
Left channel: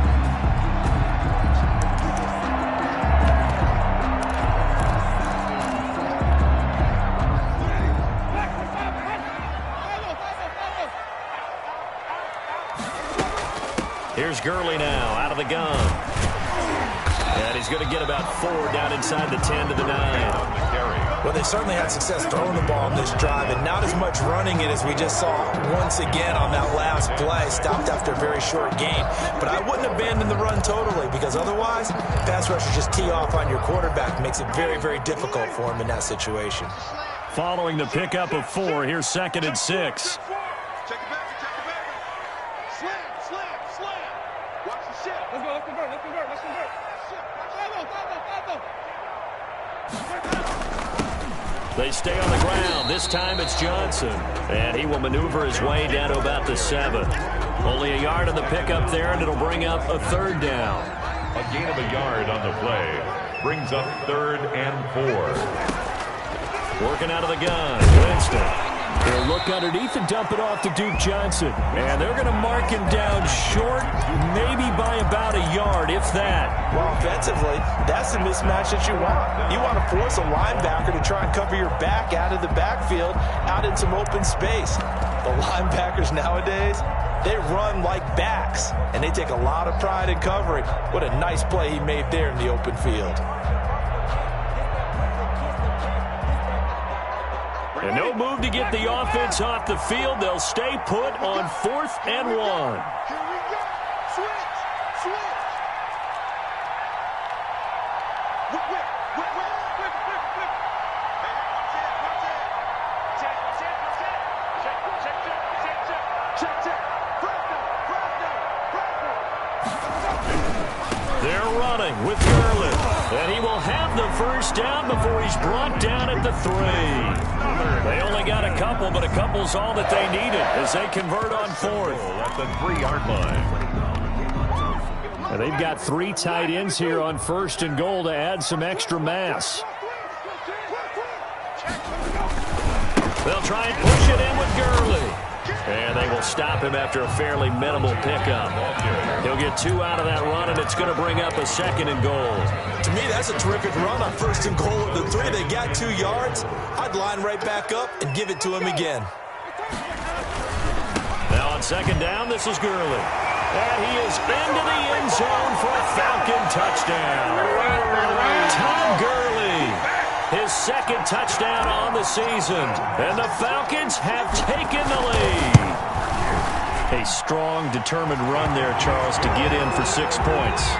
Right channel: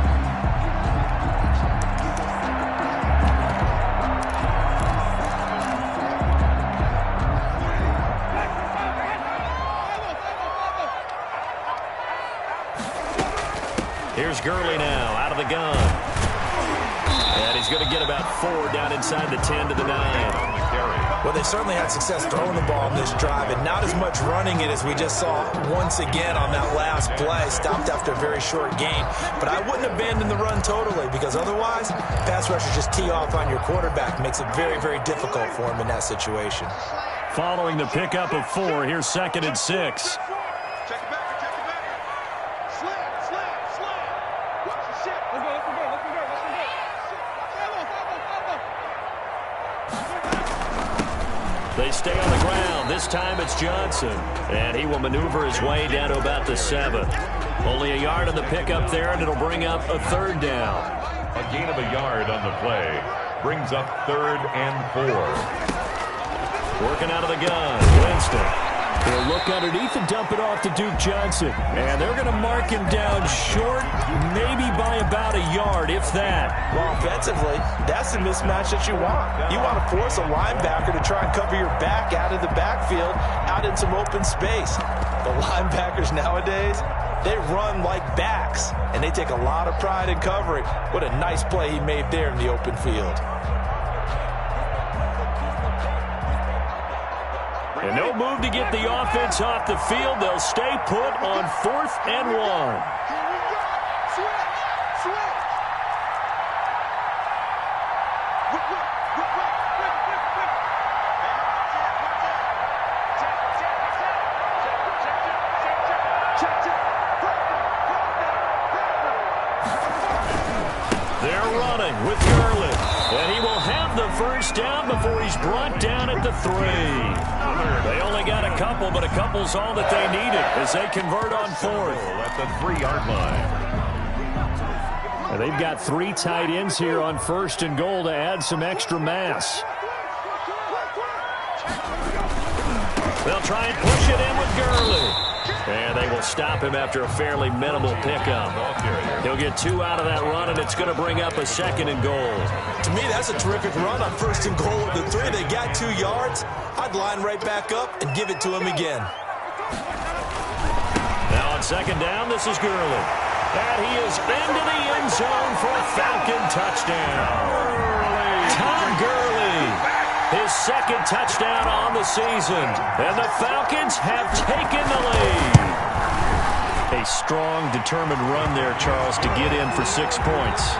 Here's Gurley now out of the gun. And he's going to get about 4 down inside the 10 to the 9. Well, they certainly had success throwing the ball in this drive, and not as much running it as we just saw once again on that last play. Stopped after a very short gain. But I wouldn't abandon the run totally, because otherwise, pass rushers just tee off on your quarterback. Makes it very, very difficult for him in that situation. Following the pickup of 4, here's 2nd and 6. Check it back. Slam. Watch the shit. Let's convert. They stay on the ground. This time it's Johnson. And he will maneuver his way down to about the 7. Only a yard on the pickup there, and it'll bring up a 3rd down. A gain of a yard on the play brings up 3rd and 4. Working out of the gun, Winston. He'll look underneath and dump it off to Duke Johnson. And they're going to mark him down short, maybe by about a yard, if that. Well, offensively, that's the mismatch that you want. You want to force a linebacker to try and cover your back out of the backfield, out in some open space. The linebackers nowadays, they run like backs, and they take a lot of pride in covering. What a nice play he made there in the open field. And no move to get the offense off the field. They'll stay put on 4th and 1. Here we go. Switch. Whip. Hey, watch it. Check. Press down. They're running with Gurley. And he will have the first down before he's brought down at the 3. They only got a couple, but a couple's all that they needed as they convert on 4th. At the 3-yard line. And they've got 3 tight ends here on 1st and goal to add some extra mass. They'll try and push it in with Gurley. And they will stop him after a fairly minimal pickup. He'll get 2 out of that run, and it's going to bring up a 2nd and goal. To me, that's a terrific run on 1st and goal at the 3. They got 2 yards. I'd line right back up and give it to him again. Now on 2nd down, this is Gurley. And he is into the end zone for a Falcon touchdown. Todd Gurley. His 2nd touchdown on the season. And the Falcons have taken the lead. A strong, determined run there, Charles, to get in for 6 points.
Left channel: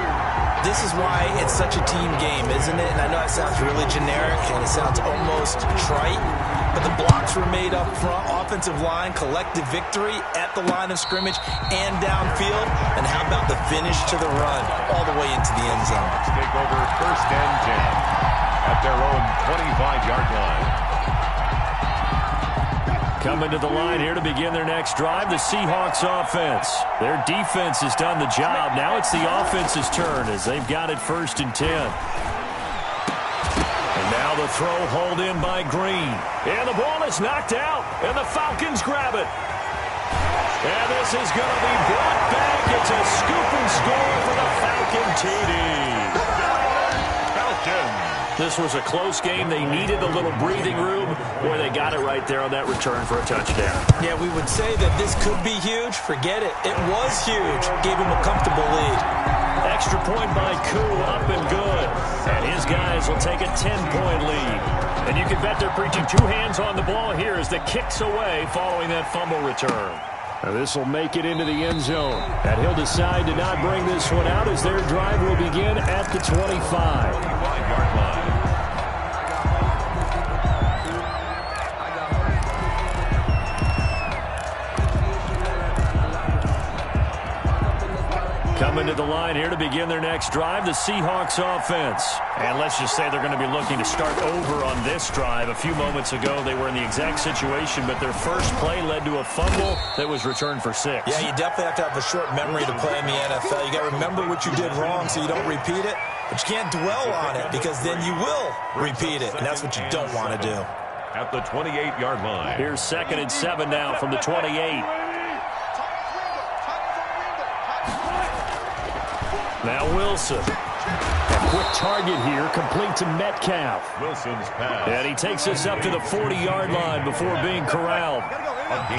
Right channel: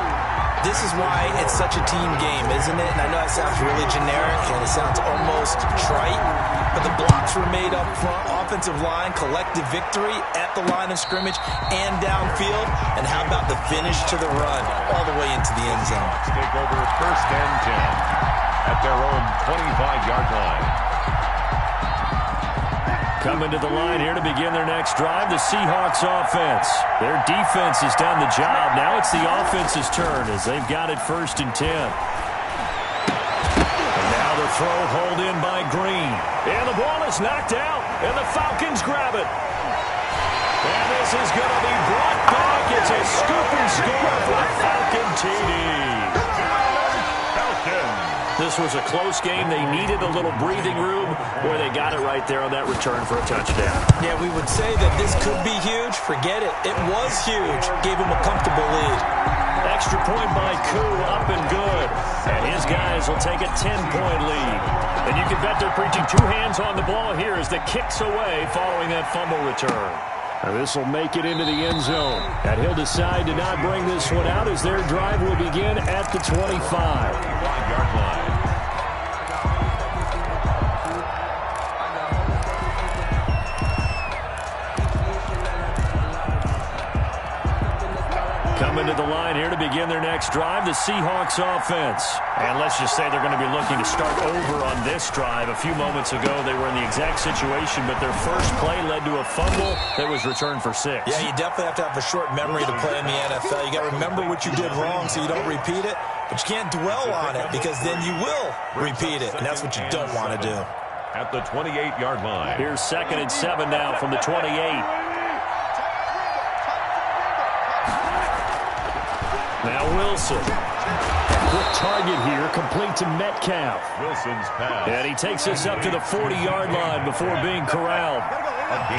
This is why it's such a team game, isn't it? And I know it sounds really generic and it sounds almost trite, but the blocks were made up front, offensive line, collective victory at the line of scrimmage and downfield. And how about the finish to the run all the way into the end zone? Take over 1st and 10 at their own 25-yard line. Coming to the line here to begin their next drive, the Seahawks offense. Their defense has done the job. Now it's the offense's turn as they've got it 1st and 10. And now the throw hauled in by Green. And the ball is knocked out, and the Falcons grab it. And this is going to be brought back. It's a scoop and score for the Falcon TD. Falcons. This was a close game. They needed a little breathing room. Boy, they got it right there on that return for a touchdown. Yeah, we would say that this could be huge. Forget it. It was huge. Gave him a comfortable lead. Extra point by Koo, up and good. And his guys will take a 10-point lead. And you can bet they're preaching 2 hands on the ball here as the kick's away following that fumble return. Now this will make it into the end zone. And he'll decide to not bring this one out as their drive will begin at the 25. 25-yard line. Coming to the line here to begin their next drive, the Seahawks offense. And let's just say they're going to be looking to start over on this drive. A few moments ago, they were in the exact situation, but their first play led to a fumble that was returned for 6. Yeah, you definitely have to have a short memory to play in the NFL. You got to remember what you did wrong so you don't repeat it, but you can't dwell on it because then you will repeat it, and that's what you don't want to do. At the 28-yard line. Here's 2nd and 7 now from the 28. Now Wilson. A quick target here, complete to Metcalf. Wilson's pass. And he takes us up to the 40-yard line before being corralled.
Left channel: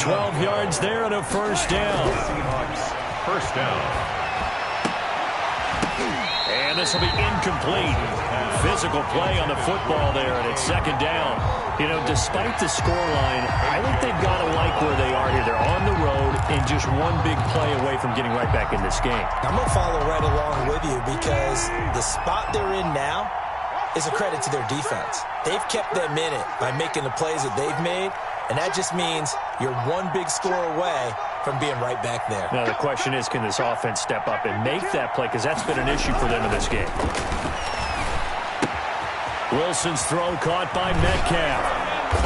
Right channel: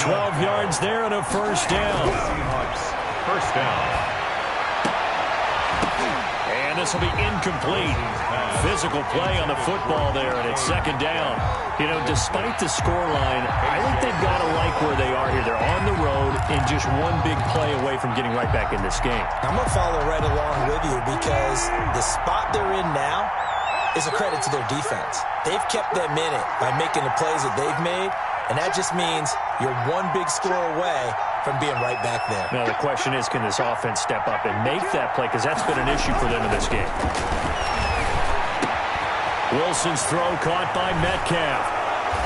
12 yards there and a first down. Seahawks, first down. And this will be incomplete. Physical play on the football there, and it's 2nd down. You know, despite the scoreline, I think they've got to like where they are here. They're on the road and just one big play away from getting right back in this game. I'm going to follow right along with you because the spot they're in now is a credit to their defense. They've kept them in it by making the plays that they've made, and that just means you're one big score away from being right back there. Now the question is, can this offense step up and make that play? Because that's been an issue for them in this game. Wilson's throw caught by Metcalf.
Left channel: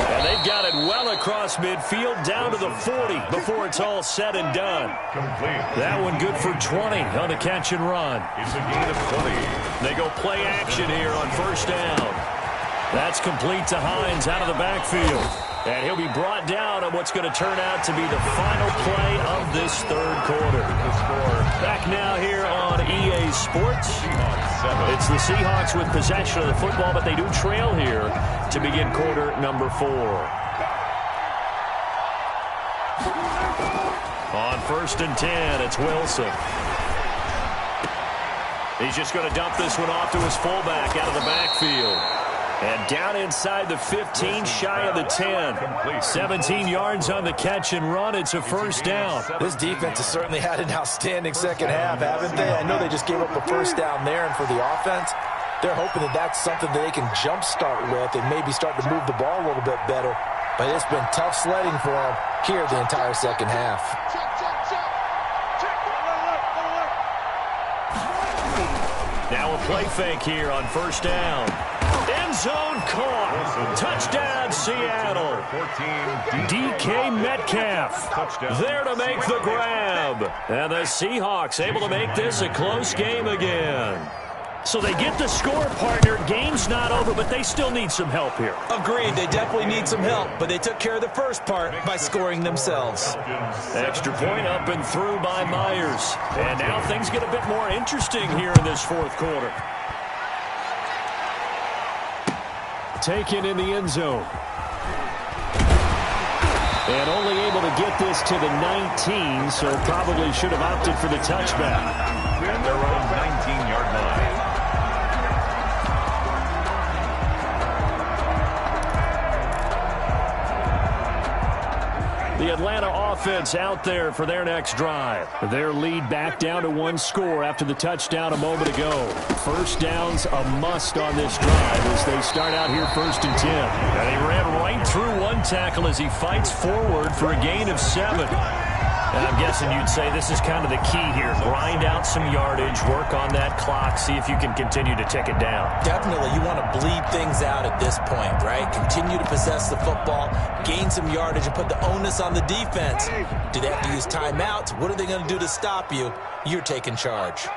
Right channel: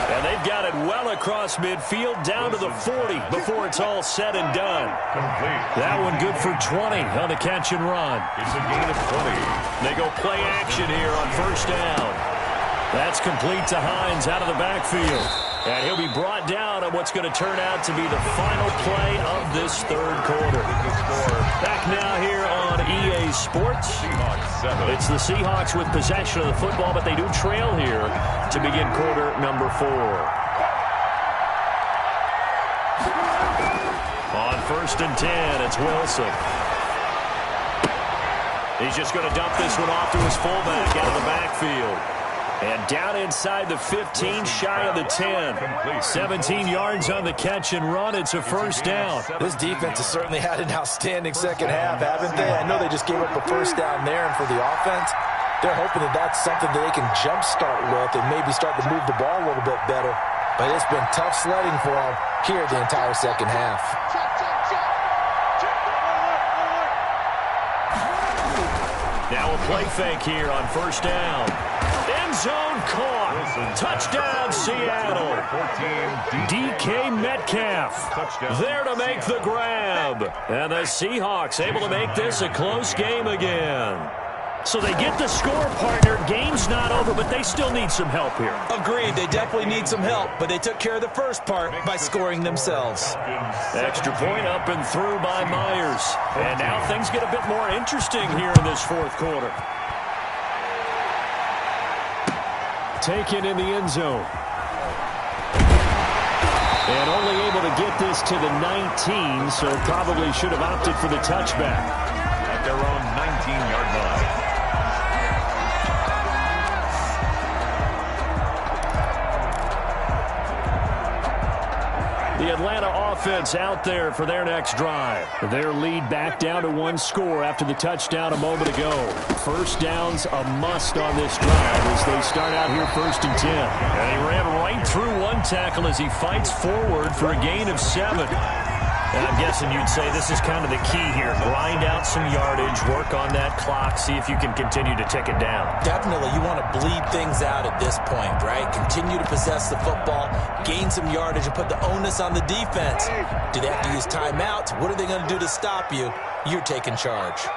And they've got it well across midfield down to the 40 before it's all said and done. Complete. That one good for 20 on the catch and run. It's a gain of 20. They go play action here on first down. That's complete to Hines out of the backfield. And he'll be brought down on what's going to turn out to be the final play of this third quarter. Back now here on EA Sports. Seahawks 7. It's the Seahawks with possession of the football, but they do trail here to begin quarter number 4. On 1st and 10, it's Wilson. He's just going to dump this one off to his fullback out of the backfield. And down inside the 15, shy of the 10. 17 yards on the catch and run. It's a first down. This defense has certainly had an outstanding second half, haven't they? I know they just gave up a first down there, and for the offense, they're hoping that that's something that they can jumpstart with and maybe start to move the ball a little bit better. But it's been tough sledding for them here the entire second half. Now a play fake here on first down. End zone caught. Touchdown, Seattle. DK Metcalf there to make the grab. And the Seahawks able to make this a close game again. So they get the score, partner. Game's not over, but they still need some help here. Agreed. They definitely need some help, but they took care of the first part by scoring themselves. Extra point up and through by Myers. And now things get a bit more interesting here in this fourth quarter. Taken in the end zone. And only able to get this to the 19, so probably should have opted for the touchback. At their own 19-yard line. The Atlanta offense out there for their next drive. Their lead back down to 1 score after the touchdown a moment ago. First down's a must on this drive as they start out here 1st and 10. And he ran right through one tackle as he fights forward for a gain of 7. And I'm guessing you'd say this is kind of the key here. Grind out some yardage, work on that clock, see if you can continue to tick it down. Definitely, you want to bleed things out at this point, right? Continue to possess the football, gain some yardage, and put the onus on the defense. Do they have to use timeouts? What are they going to do to stop you? You're taking charge.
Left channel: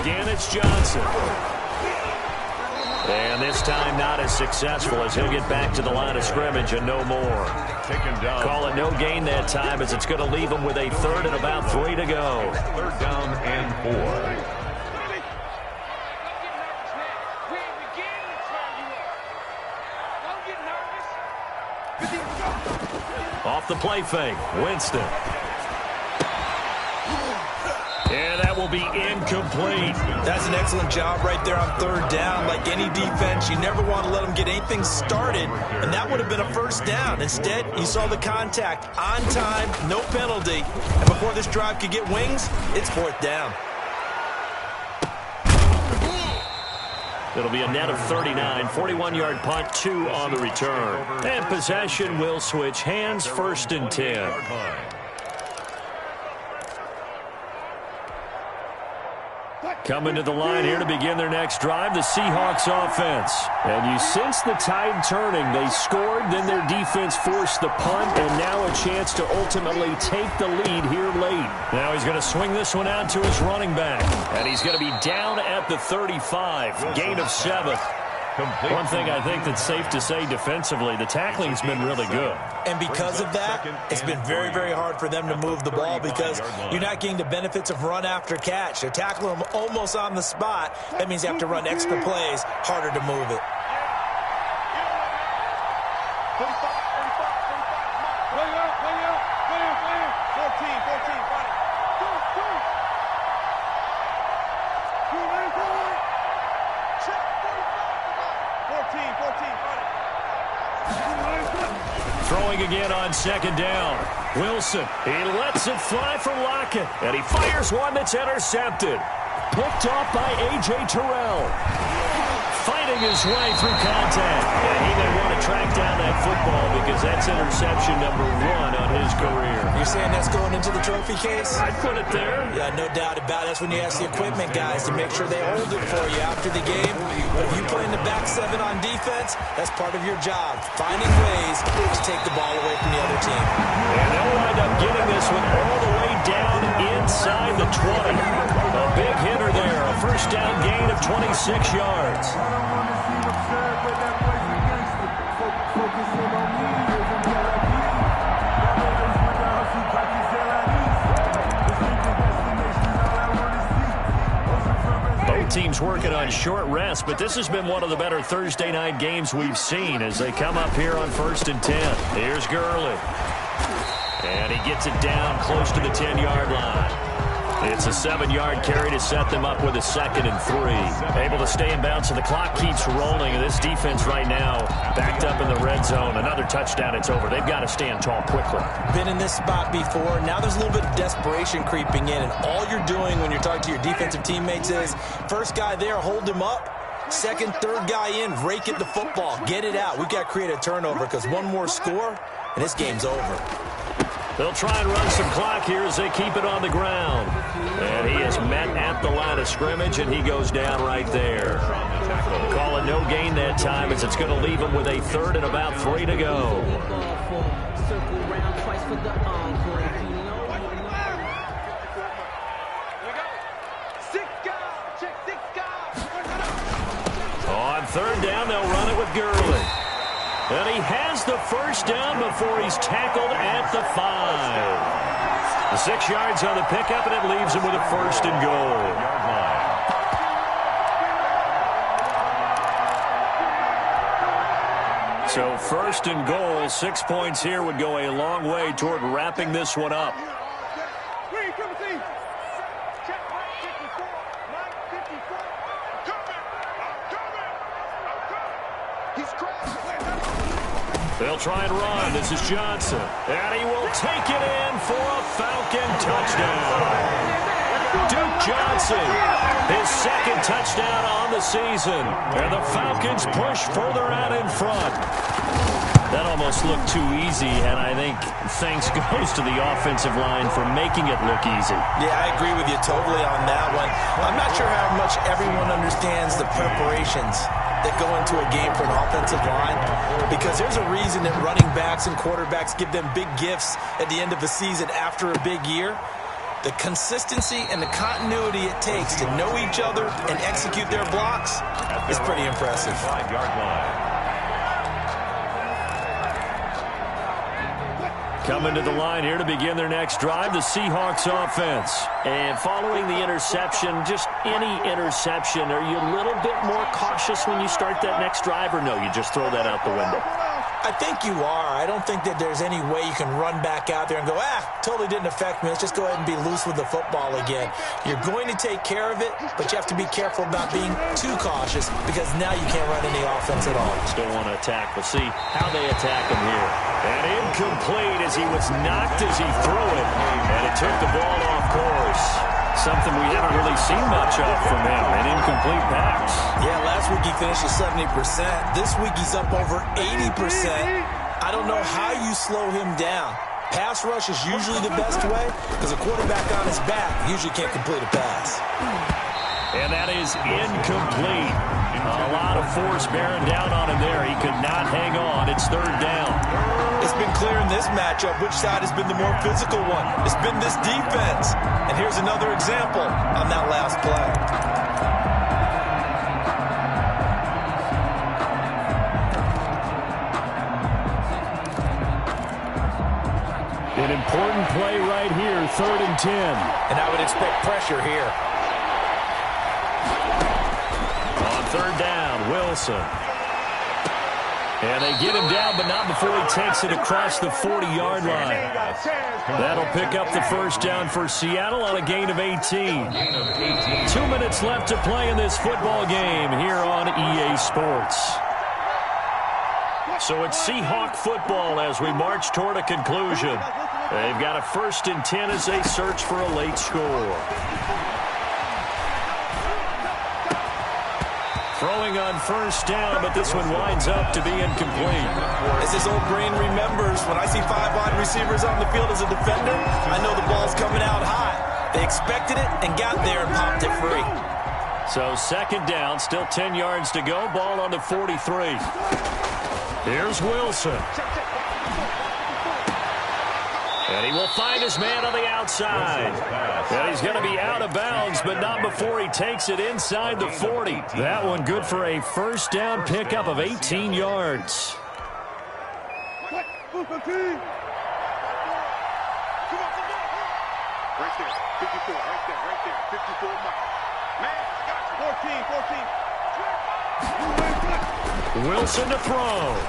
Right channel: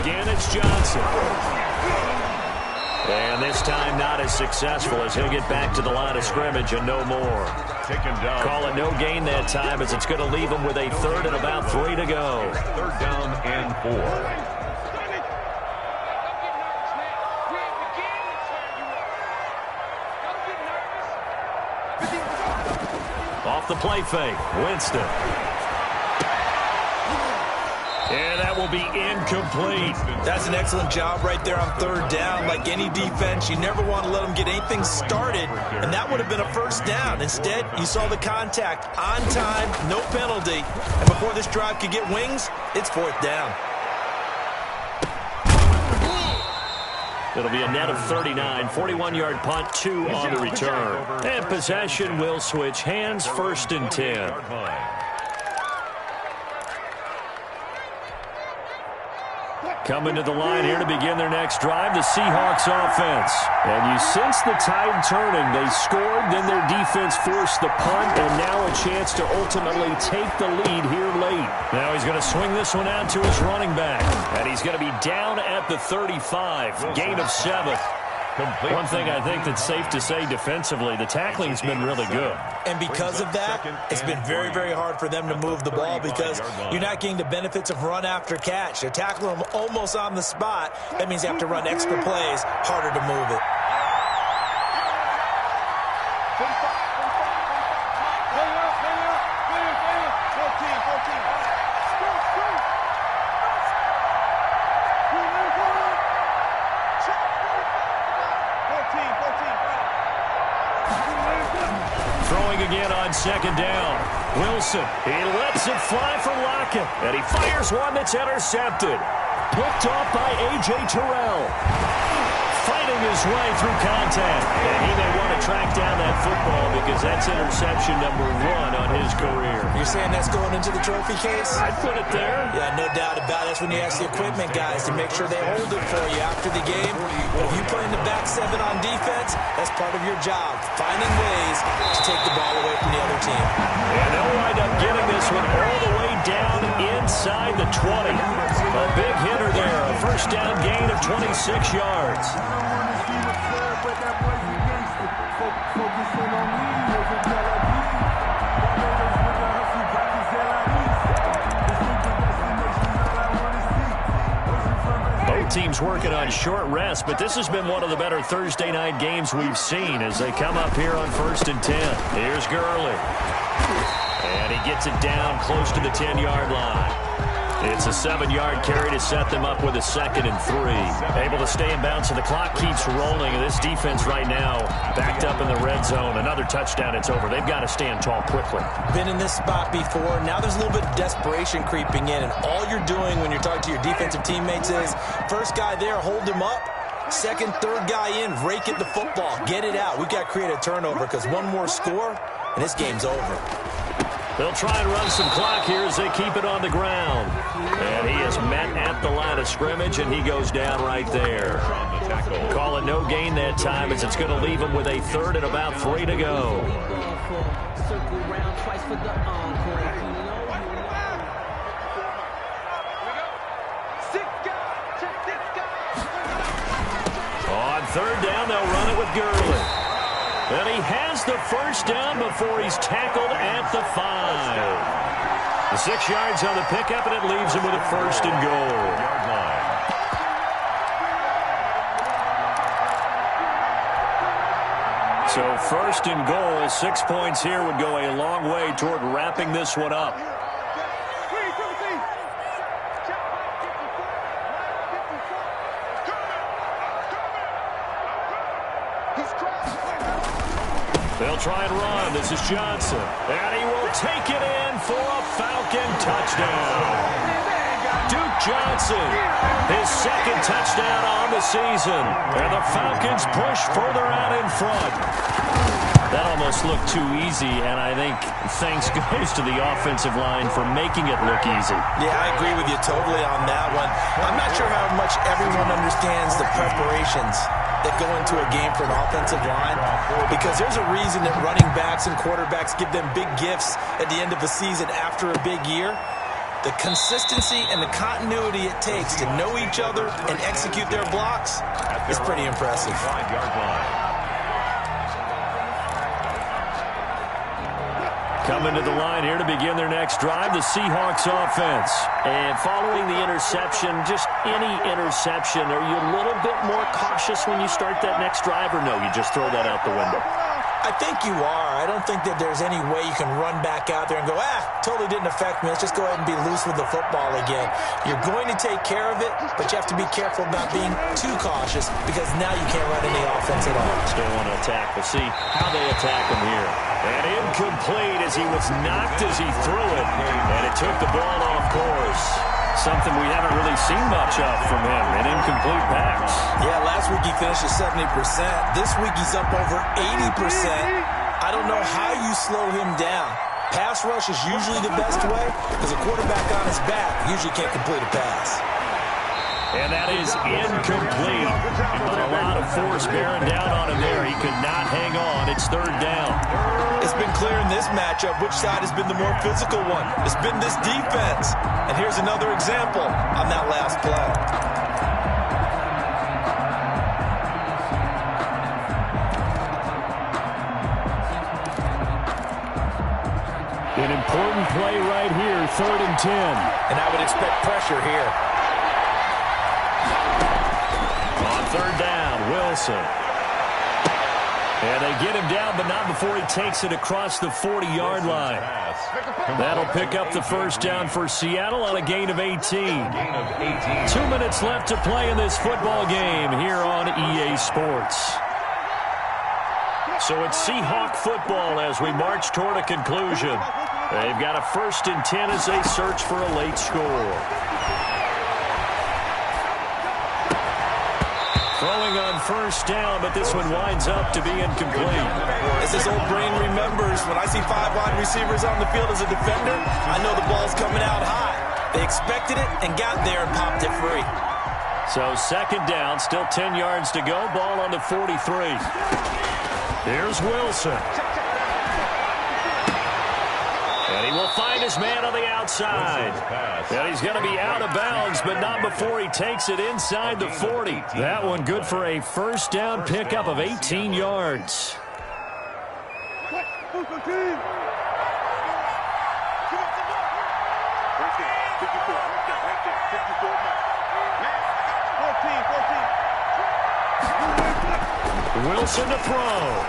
Again, it's Johnson. And this time not as successful as he'll get back to the line of scrimmage and no more. Taken down. Call it no gain that time as it's going to leave him with a 3rd and about 3 to go. 3rd down and 4. Off the play fake, Winston. And that will be incomplete. That's an excellent job right there on 3rd down. Like any defense, you never want to let them get anything started, and that would have been a first down. Instead, you saw the contact on time, no penalty, and before this drive could get wings, it's 4th down. It'll be a net of 39, 41-yard punt, 2 on the return. And possession will switch hands, 1st and 10. Coming to the line here to begin their next drive, the Seahawks offense. And you sense the tide turning. They scored, then their defense forced the punt, and now a chance to ultimately take the lead here late. Now he's going to swing this one out to his running back. And he's going to be down at the 35, gain of 7. One thing I think that's safe to say defensively, the tackling's been really good. And because of that, it's been very, very hard for them to move the ball because you're not getting the benefits of run after catch. They're tackling them almost on the spot. That means you have to run extra plays, harder to move it. 14. Throwing again on second down. Wilson, he lets it fly for Lockett, and he fires one that's intercepted. Picked off by A.J. Terrell. Fighting his way through contact. And he may want to track down that football because that's interception number 1 on his career. You're saying that's going into the trophy case? I'd put it there. Yeah, no doubt about it. That's when you ask the equipment guys to make sure they hold it for you after the game. But if you play in the back 7 on defense, that's part of your job. Finding ways to take the ball away from the other team. And they'll wind up getting this one all the way down inside the 20. A big hitter there. A first down gain of 26 yards. Both teams working on short rest, but this has been one of the better Thursday night games we've seen as they come up here on 1st and 10. Here's Gurley. And he gets it down close to the 10-yard line. It's a 7-yard carry to set them up with a 2nd and 3. Able to stay in bounds, so the clock keeps rolling. And this defense right now backed up in the red zone. Another touchdown, it's over. They've got to stand tall quickly. Been in this spot before. Now there's a little bit of desperation creeping in. And all you're doing when you're talking to your defensive teammates is, first guy there, hold him up. Second, third guy in, rake at the football. Get it out. We've got to create a turnover because one more score, and this game's over. They'll try and run some clock here as they keep it on the ground. And he is met at the line of scrimmage, and he goes down right there. Call it no gain that time as it's going to leave him with a 3rd and about 3 to go. On 3rd down, they'll run it with Gurley. And he has the first down before he's tackled at the 5. The 6 yards on the pickup, and it leaves him with a 1st and goal. Yard line. So 1st and goal, 6 points here would go a long way toward wrapping this one up. They'll try and run. This is Johnson. And he will take it in for a Falcon touchdown. Duke Johnson, his 2nd touchdown on the season. And the Falcons push further out in front. That almost looked too easy, and I think thanks goes to the offensive line for making it look easy. Yeah, I agree with you totally on that one. I'm not sure how much everyone understands the preparations that go into a game for an offensive line, because there's a reason that running backs and quarterbacks give them big gifts at the end of the season after a big year. The consistency and the continuity it takes to know each other and execute their blocks is pretty impressive. 5-yard line. Coming to the line here to begin their next drive, the Seahawks offense. And following the interception, just any interception, are you a little bit more cautious when you start that next drive, or no, you just throw that out the window? I think you are. I don't think that there's any way you can run back out there and go, totally didn't affect me. Let's just go ahead and be loose with the football again. You're going to take care of it, but you have to be careful about being too cautious because now you can't run any offense at all. Still want to attack. We'll see how they attack him here. And incomplete as he was knocked as he threw it, and it took the ball off course. Something we haven't really seen much of from him, an incomplete pass. Yeah, last week he finished at 70%. This week he's up over 80%. I don't know how you slow him down. Pass rush is usually the best way because a quarterback on his back usually can't complete a pass. And that is incomplete. A lot of force bearing down on him there. He could not hang on. It's third down. It's been clear in this matchup which side has been the more physical one. It's been this defense. And here's another example on that last play. An important play right here, 3rd and 10. And I would expect pressure here. On 3rd down, Wilson. And they get him down, but not before he takes it across the 40-yard line. That'll pick up the first down for Seattle on a gain of 18. 2 minutes left to play in this football game here on EA Sports. So it's Seahawk football as we march toward a conclusion. They've got a 1st and 10 as they search for a late score. Throwing on 1st down, but this one winds up to be incomplete. As his old brain remembers, when I see 5 wide receivers on the field as a defender, I know the ball's coming out hot. They expected it and got there and popped it free. So 2nd down, still 10 yards to go. Ball on the 43. Here's Wilson. And he will find his man on the outside. And he's going to be out of bounds, but not before he takes it inside the 40. That one good for a 1st down pickup of 18 yards. Right there, 54, right there, 54, Mike. Man, I got you. 14. Wilson to throw.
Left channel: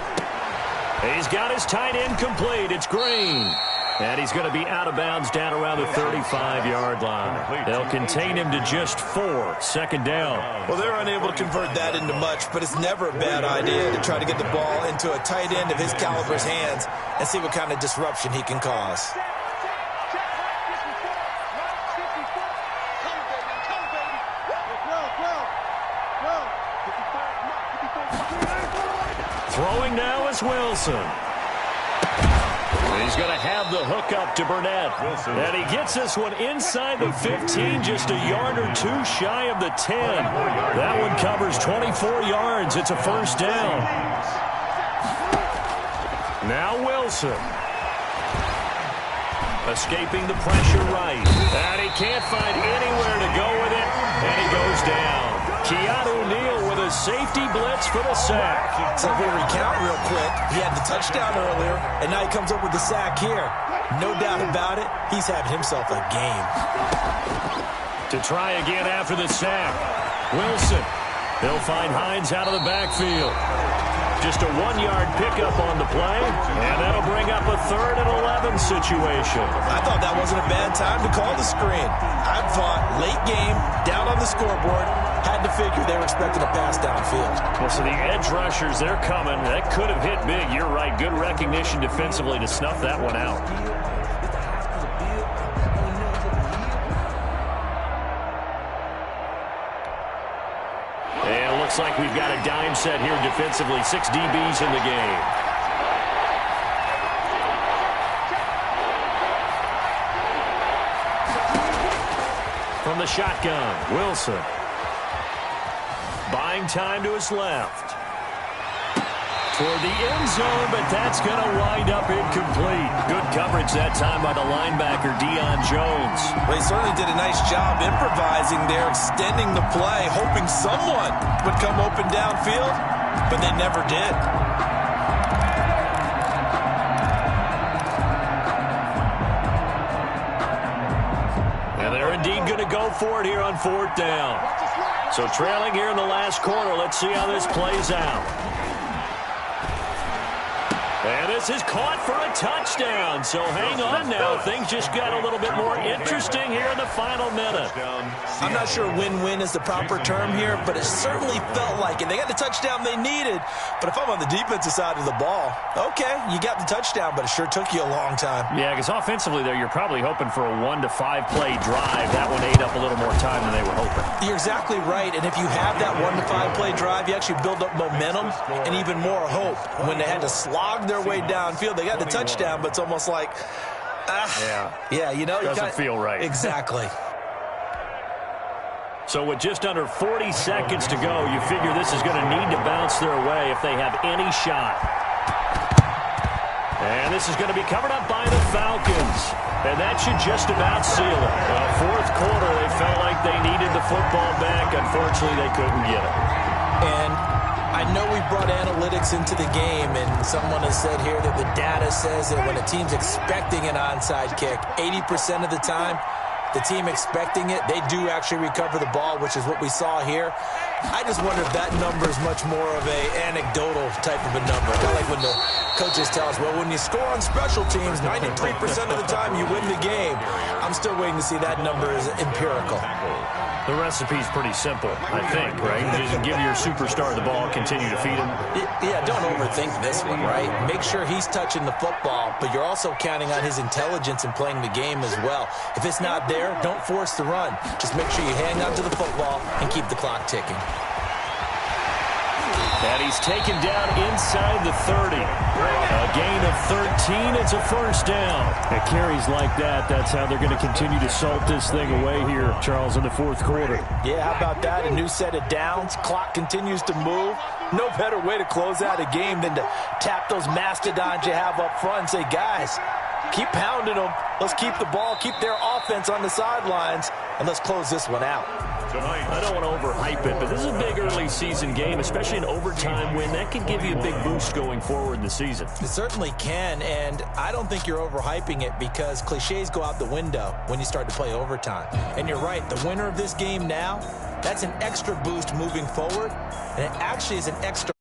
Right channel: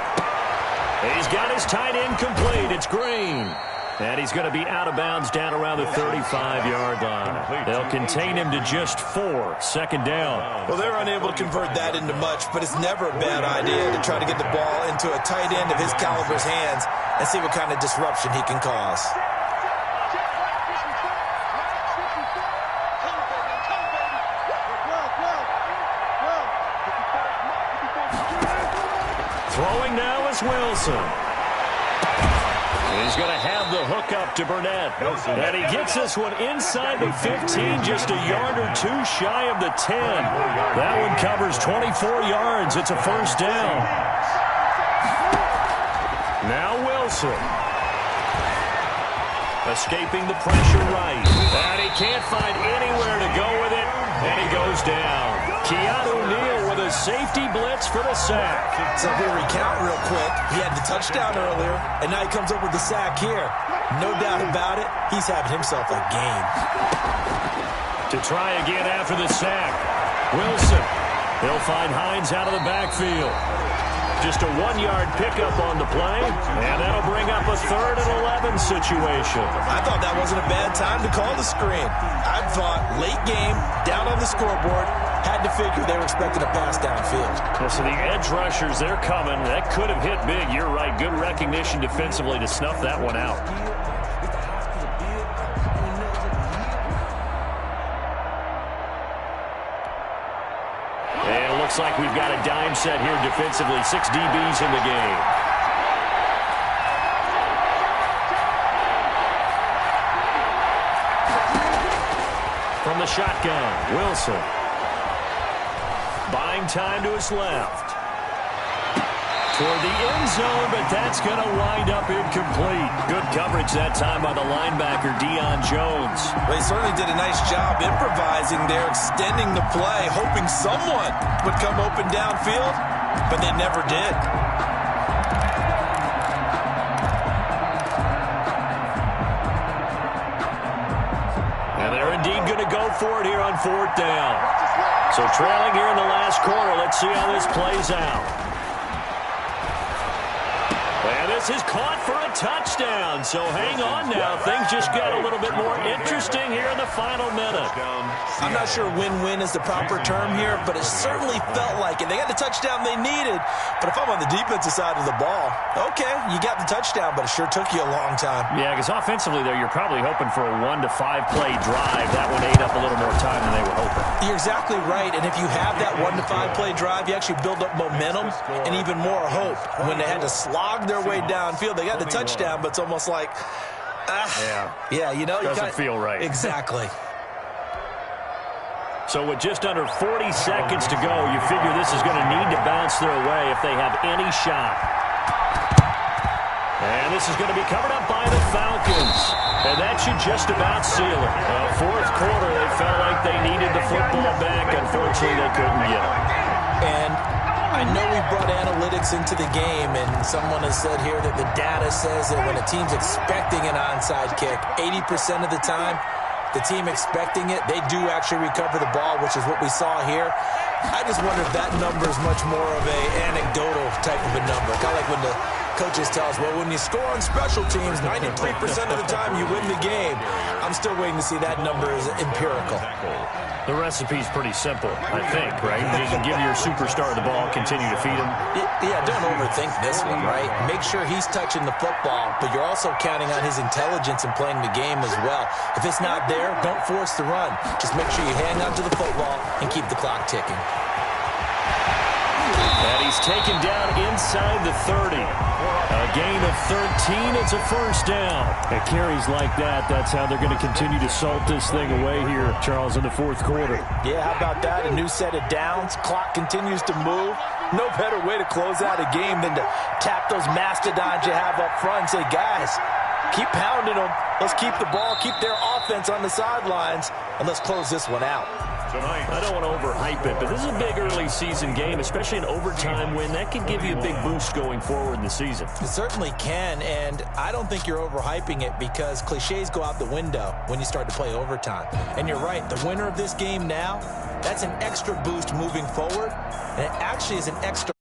He's got his tight end complete. It's Green. And he's going to be out of bounds down around the 35-yard line. They'll contain him to just 4. 2nd down. Well, they're unable to convert that into much, but it's never a bad idea to try to get the ball into a tight end of his caliber's hands and see what kind of disruption he can cause. Throwing now is Wilson. He's going to have the hook up to Burnett. And he gets this one inside the 15, just a yard or 2 shy of the 10. That one covers 24 yards. It's a 1st down. Now Wilson. Escaping the pressure right. And he can't find anywhere to go with it. And he goes down. Keanu Neal with a safety blitz for the sack. So if we recount real quick, he had the touchdown earlier, and now he comes up with the sack here. No doubt about it, he's having himself a game. To try again after the sack. Wilson. They'll find Hines out of the backfield. Just a 1-yard pickup on the play, and that'll bring up a 3rd and 11 situation. I thought that wasn't a bad time to call the screen. I thought late game, down on the scoreboard, had to figure they were expecting a pass downfield. Well, so the edge rushers, they're coming. That could have hit big. You're right. Good recognition defensively to snuff that one out. And it looks like we've got a dime set here defensively. 6 DBs in the game. From the shotgun, Wilson. Buying time to his left. Toward the end zone, but that's going to wind up incomplete. Good coverage that time by the linebacker, Deion Jones. They certainly did a nice job improvising there, extending the play, hoping someone would come open downfield, but they never did. And they're indeed going to go for it here on 4th down. So trailing here in the last quarter, let's see how this plays out. And this is caught for a touchdown. So hang on now. Things just got a little bit more interesting here in the final minute. I'm not sure win-win is the proper term here, but it certainly felt like it. They got the touchdown they needed. But if I'm on the defensive side of the ball, okay, you got the touchdown, but it sure took you a long time. Yeah, because offensively there, you're probably hoping for a 1 to 5 play drive. That one ate up a little more time than they were hoping. You're exactly right. And if you have that 1 to 5 play drive, you actually build up momentum and even more hope. When they had to slog their way downfield, they got the touchdown, but it's almost like, yeah, you know, doesn't feel right. Exactly. So with just under 40 seconds to go, you figure this is going to need to bounce their way if they have any shot. And this is going to be covered up by the Falcons. And that should just about seal it. Well, fourth quarter, they felt like they needed the football back. Unfortunately, they couldn't get it. And I know we brought analytics into the game, and someone has said here that the data says that when a team's expecting an onside kick, 80% of the time, the team expecting it, they do actually recover the ball, which is what we saw here. I just wonder if that number is much more of a anecdotal type of a number. Kind of like when the coaches tell us, well, when you score on special teams, 93% of the time you win the game. I'm still waiting to see that number is empirical. The recipe's pretty simple, I think, right? You just give your superstar the ball, continue to feed him. Yeah, don't overthink this one, right? Make sure he's touching the football, but you're also counting on his intelligence in playing the game as well. If it's not there, don't force the run. Just make sure you hang on to the football and keep the clock ticking. And he's taken down inside the 30. A gain of 13. It's a first down. At carries like that, that's how they're going to continue to salt this thing away here, Charles, in the fourth quarter. Yeah, how about that? A new set of downs. Clock continues to move. No better way to close out a game than to tap those mastodons you have up front and say, guys, keep pounding them. Let's keep the ball, keep their offense on the sidelines, and let's close this one out. I don't want to overhype it, but this is a big early season game, especially an overtime win. That could give you a big boost going forward in the season. It certainly can, and I don't think you're overhyping it because cliches go out the window when you start to play overtime. And you're right, the winner of this game now, that's an extra boost moving forward, and it actually is an extra